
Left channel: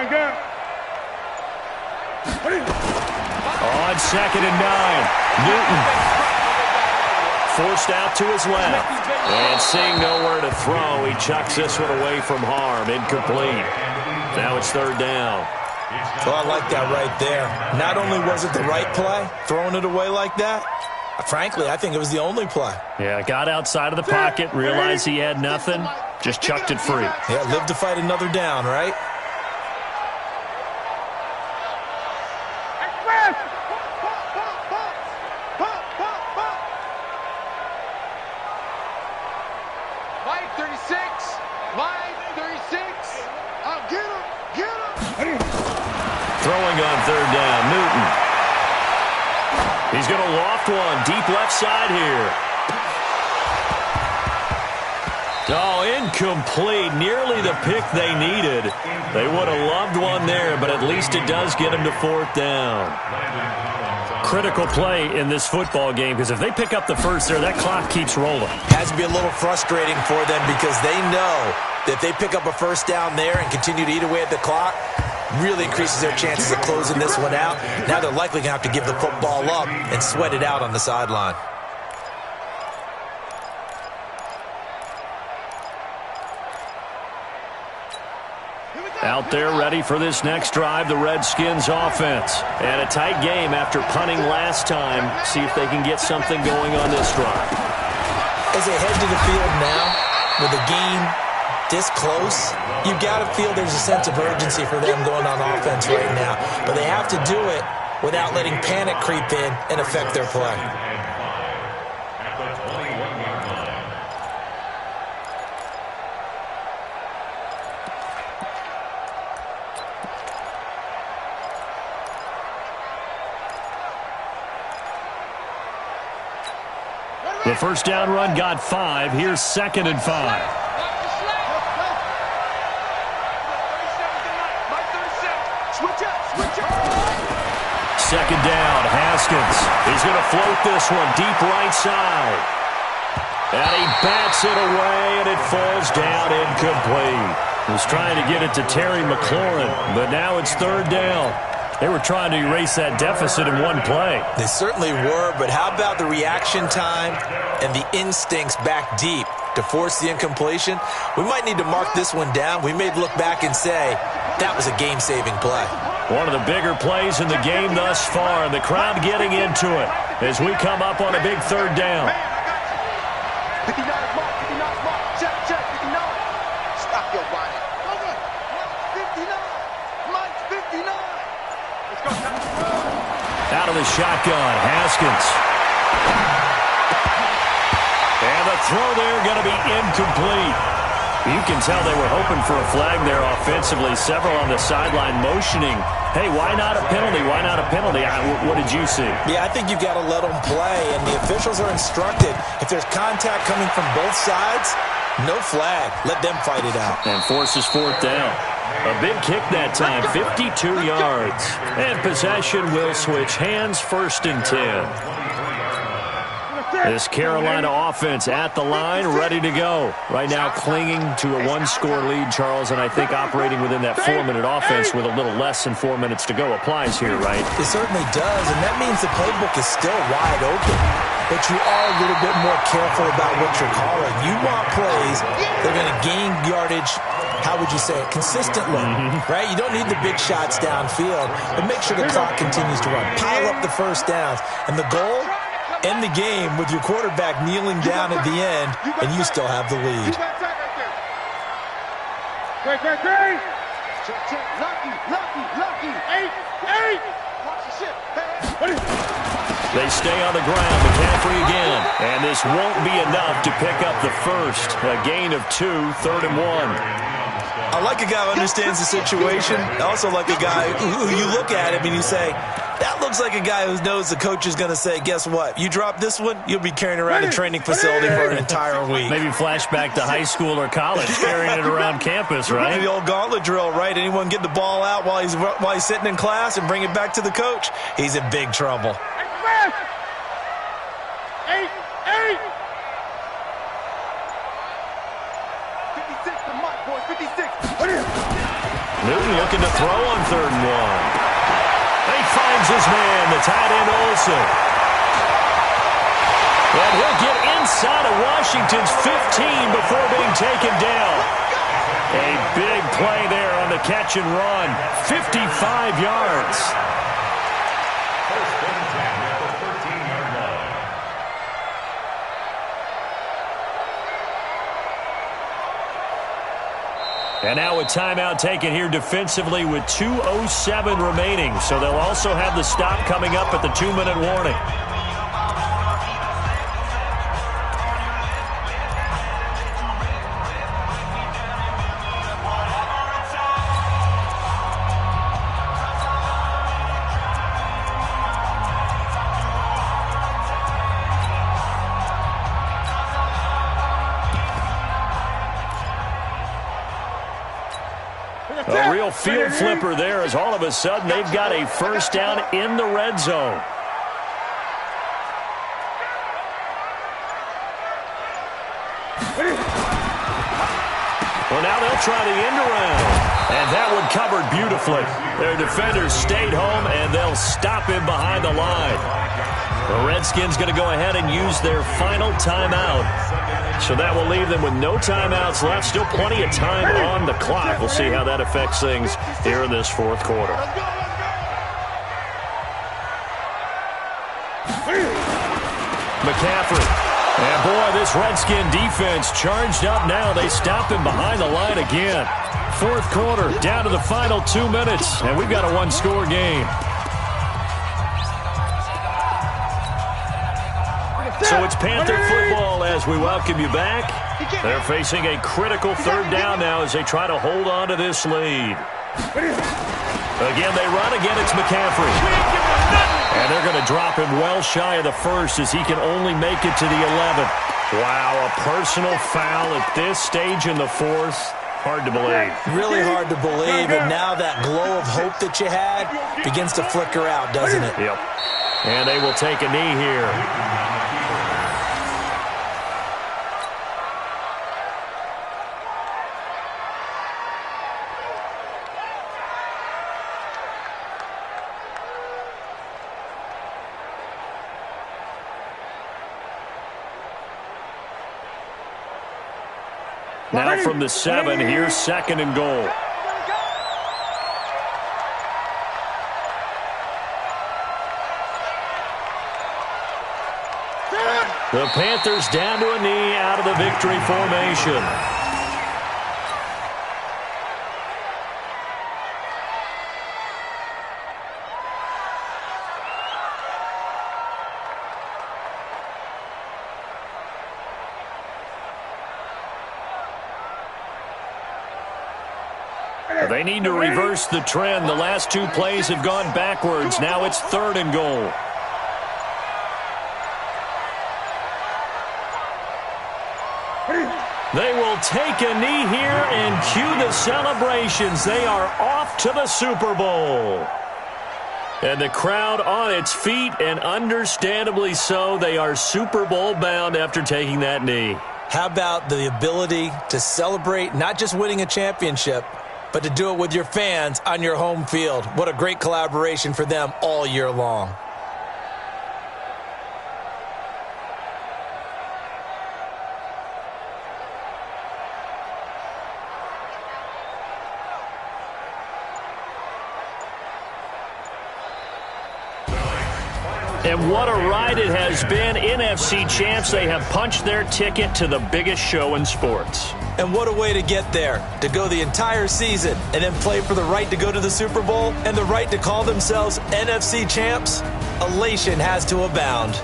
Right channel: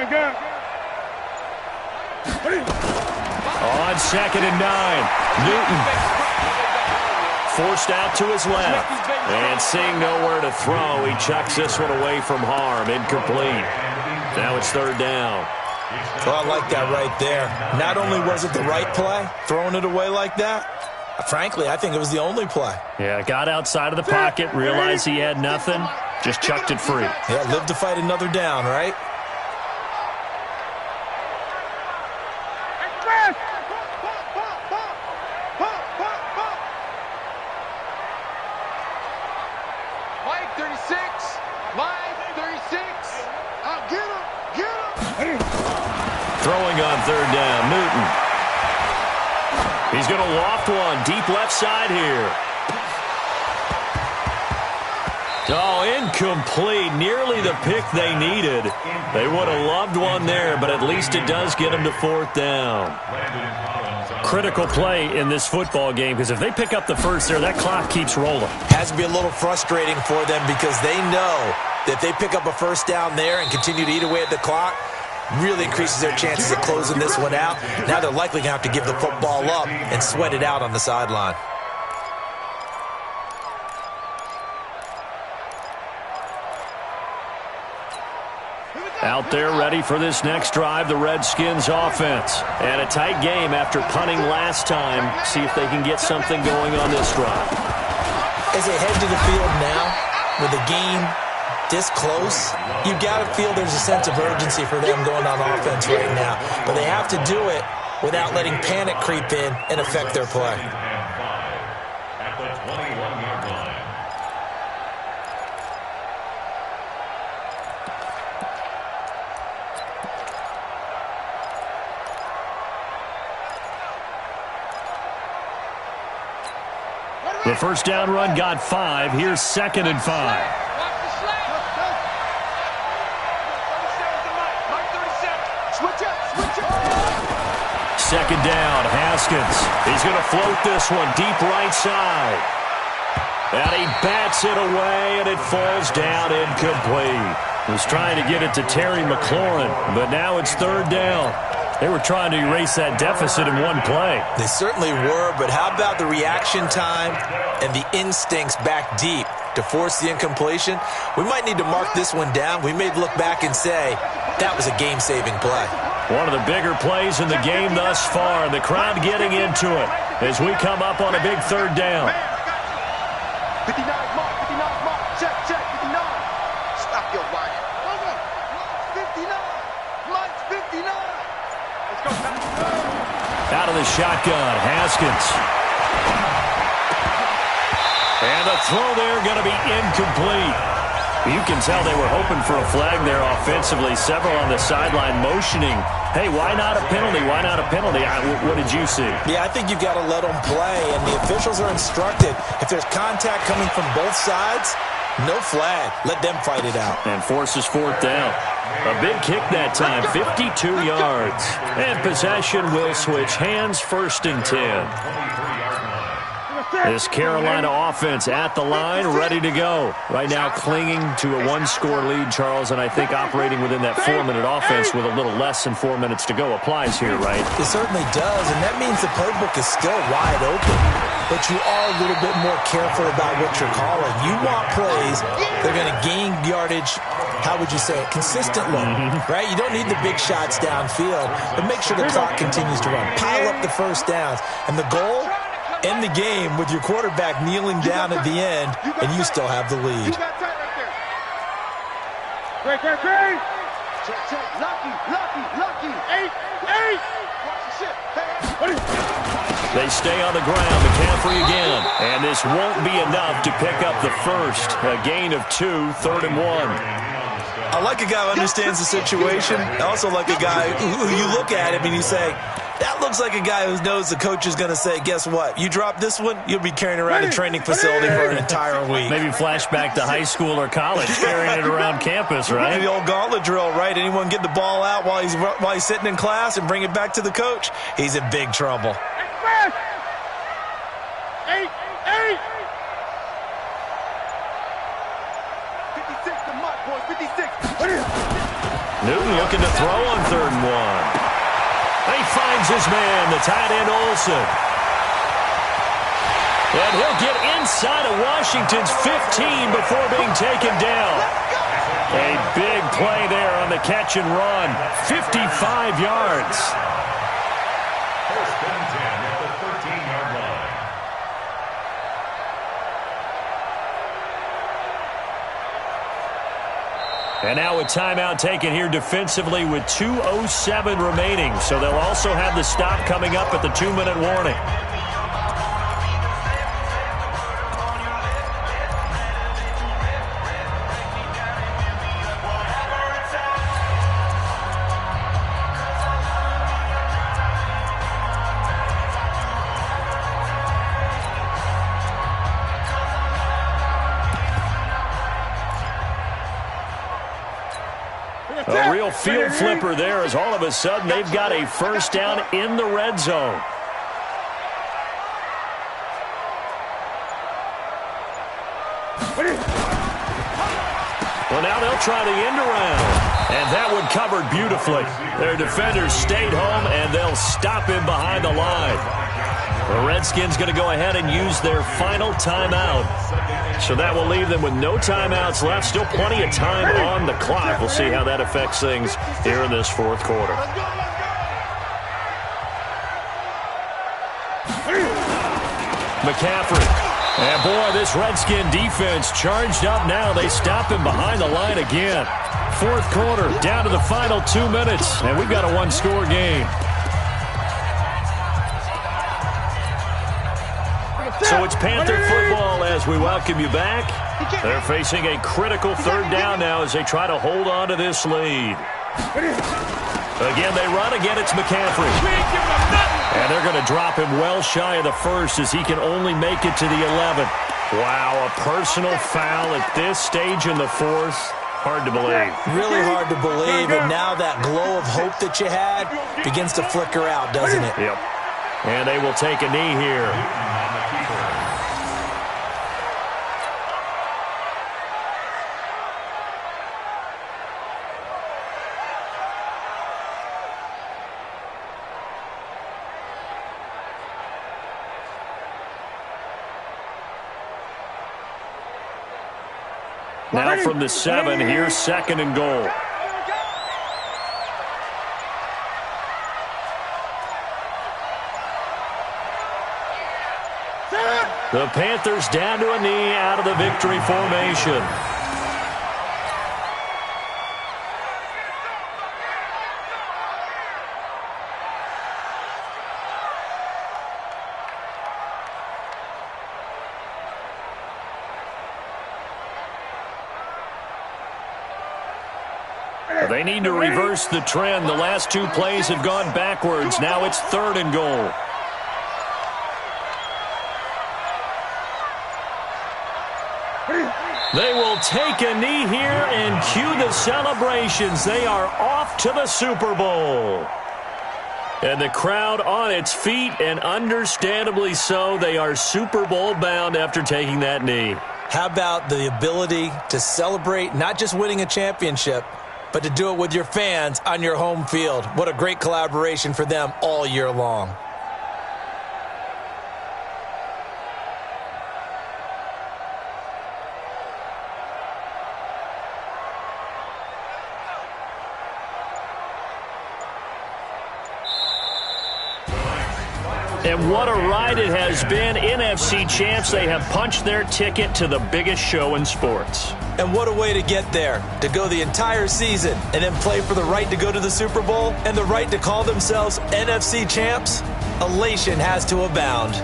Gun. On 2nd and 9, Newton forced out to his left. And seeing nowhere to throw, he chucks this one away from harm. Incomplete. Now it's 3rd down. Well, I like that right there. Not only was it the right play, throwing it away like that, frankly, I think it was the only play. Yeah, got outside of the pocket, realized he had nothing, Just chucked it free. Yeah, live to fight another down, right? Mike 36. Mike 36. Get him. Get him. Throwing on third down, Newton. He's going to loft one deep left side here. Oh, incomplete. Nearly the pick they needed. They would have loved one there, but at least it does get them to fourth down. Critical play in this football game, because if they pick up the first there, that clock keeps rolling. Has to be a little frustrating for them because they know that if they pick up a first down there and continue to eat away at the clock, really increases their chances of closing this one out. Now they're likely going to have to give the football up and sweat it out on the sideline. Out there ready for this next drive, the Redskins offense. And a tight game after punting last time. See if they can get something going on this drive. As they head to the field now, with the game this close, you've got to feel there's a sense of urgency for them going on offense right now. But they have to do it without letting panic creep in and affect their play. At the 21-yard line. The first down run got 5. Here's 2nd and 5. Second down, Haskins. He's going to float this one deep right side. And he bats it away, and it falls down incomplete. He was trying to get it to Terry McLaurin, but now it's third down. They were trying to erase that deficit in one play. They certainly were, but how about the reaction time and the instincts back deep to force the incompletion? We might need to mark this one down. We may look back and say that was a game-saving play. One of the bigger plays in the game thus far, and the crowd getting into it as we come up on a big third down. 59 mark, 59 mark, check, 59. Stop your whining. Okay, Mike's 59. Mike's 59. Let's go, out of the shotgun, Haskins. And the throw there going to be incomplete. You can tell they were hoping for a flag there offensively. Several on the sideline motioning, hey, why not a penalty? Why not a penalty? What did you see? Yeah, I think you've got to let them play, and the officials are instructed, if there's contact coming from both sides, no flag. Let them fight it out. And forces fourth down. A big kick that time, 52 yards. And possession will switch hands, 1st and 10. This Carolina offense at the line, ready to go. Right now clinging to a 1-score lead, Charles, and I think operating within that 4-minute offense with a little less than 4 minutes to go applies here, right? It certainly does, and that means the playbook is still wide open. But you are a little bit more careful about what you're calling. You want plays that are going to gain yardage, how would you say it, consistently, right? You don't need the big shots downfield, but make sure the clock continues to run. Pile up the first downs. And the goal, end the game with your quarterback kneeling down at the end, and you still have the lead. Great. Check. Lucky. 8. Watch the shit. They stay on the ground. McCaffrey again. And this won't be enough to pick up the first. A gain of 2, 3rd and 1. I like a guy who understands the situation. I also like a guy who you look at him and you say, that looks like a guy who knows the coach is going to say, guess what? You drop this one, you'll be carrying around a training facility for an entire week. Maybe flashback to high school or college, carrying it around campus, right? The old gauntlet drill, right? Anyone get the ball out while he's sitting in class and bring it back to the coach? He's in big trouble. 8. 56 to Mike, boys. 56. Newton looking to throw on 3rd and 1. He finds his man, the tight end Olsen. And he'll get inside of Washington's 15 before being taken down. A big play there on the catch and run. 55 yards. 1st and 10 at the 13-yard line. And now a timeout taken here defensively with 2:07 remaining. So they'll also have the stop coming up at the 2-minute warning. A real field flipper there as all of a sudden they've got a first down in the red zone. Well, now they'll try the end around. And that one covered beautifully. Their defenders stayed home, and they'll stop him behind the line. The Redskins going to go ahead and use their final timeout. So that will leave them with no timeouts left. Still plenty of time on the clock. We'll see how that affects things here in this fourth quarter. McCaffrey. And, boy, this Redskin defense charged up now. They stop him behind the line again. Fourth quarter, down to the final 2 minutes, and we've got a one-score game. So it's Panther football as we welcome you back. They're facing a critical third down now as they try to hold on to this lead. Again, they run. Again, it's McCaffrey. And they're going to drop him well shy of the first as he can only make it to the 11th. Wow, a personal foul at this stage in the fourth. Hard to believe. Really hard to believe, and now that glow of hope that you had begins to flicker out, doesn't it? Yep. And they will take a knee here. Now from the 7, here's 2nd and goal. The Panthers down to a knee out of the victory formation. They need to reverse the trend. The last 2 plays have gone backwards. Now it's 3rd and goal. They will take a knee here and cue the celebrations. They are off to the Super Bowl. And the crowd on its feet, and understandably so. They are Super Bowl bound after taking that knee. How about the ability to celebrate not just winning a championship, but to do it with your fans on your home field? What a great collaboration for them all year long. And what a ride it has been. NFC champs, they have punched their ticket to the biggest show in sports. And what a way to get there, to go the entire season and then play for the right to go to the Super Bowl and the right to call themselves NFC champs. Elation has to abound.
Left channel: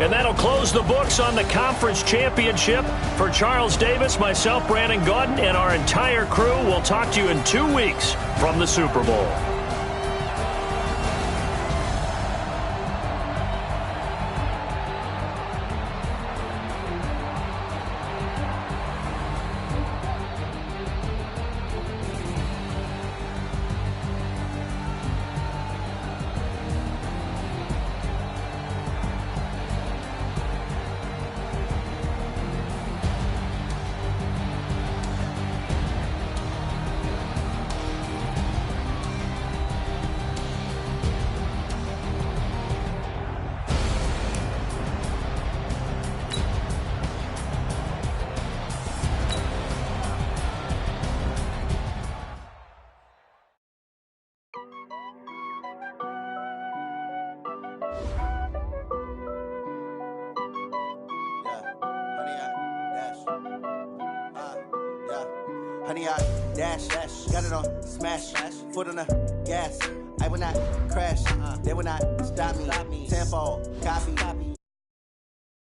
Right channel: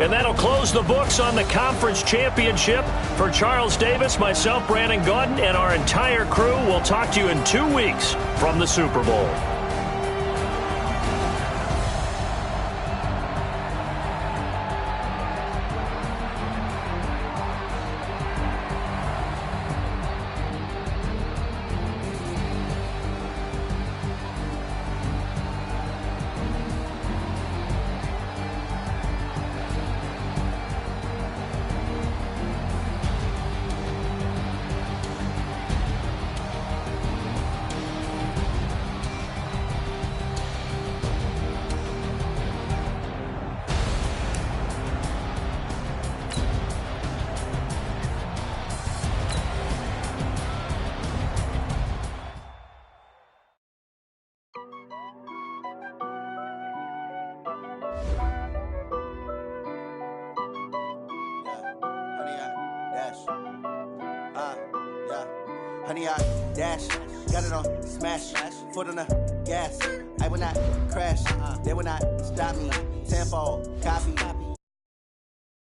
And that'll close the books on the conference championship. For Charles Davis, myself, Brandon Gaudin, and our entire crew, we'll talk to you in 2 weeks from the Super Bowl. Honey, I dash. Got it on smash. Foot on the gas. I will not crash. They will not stop me. Tenfold. Copy.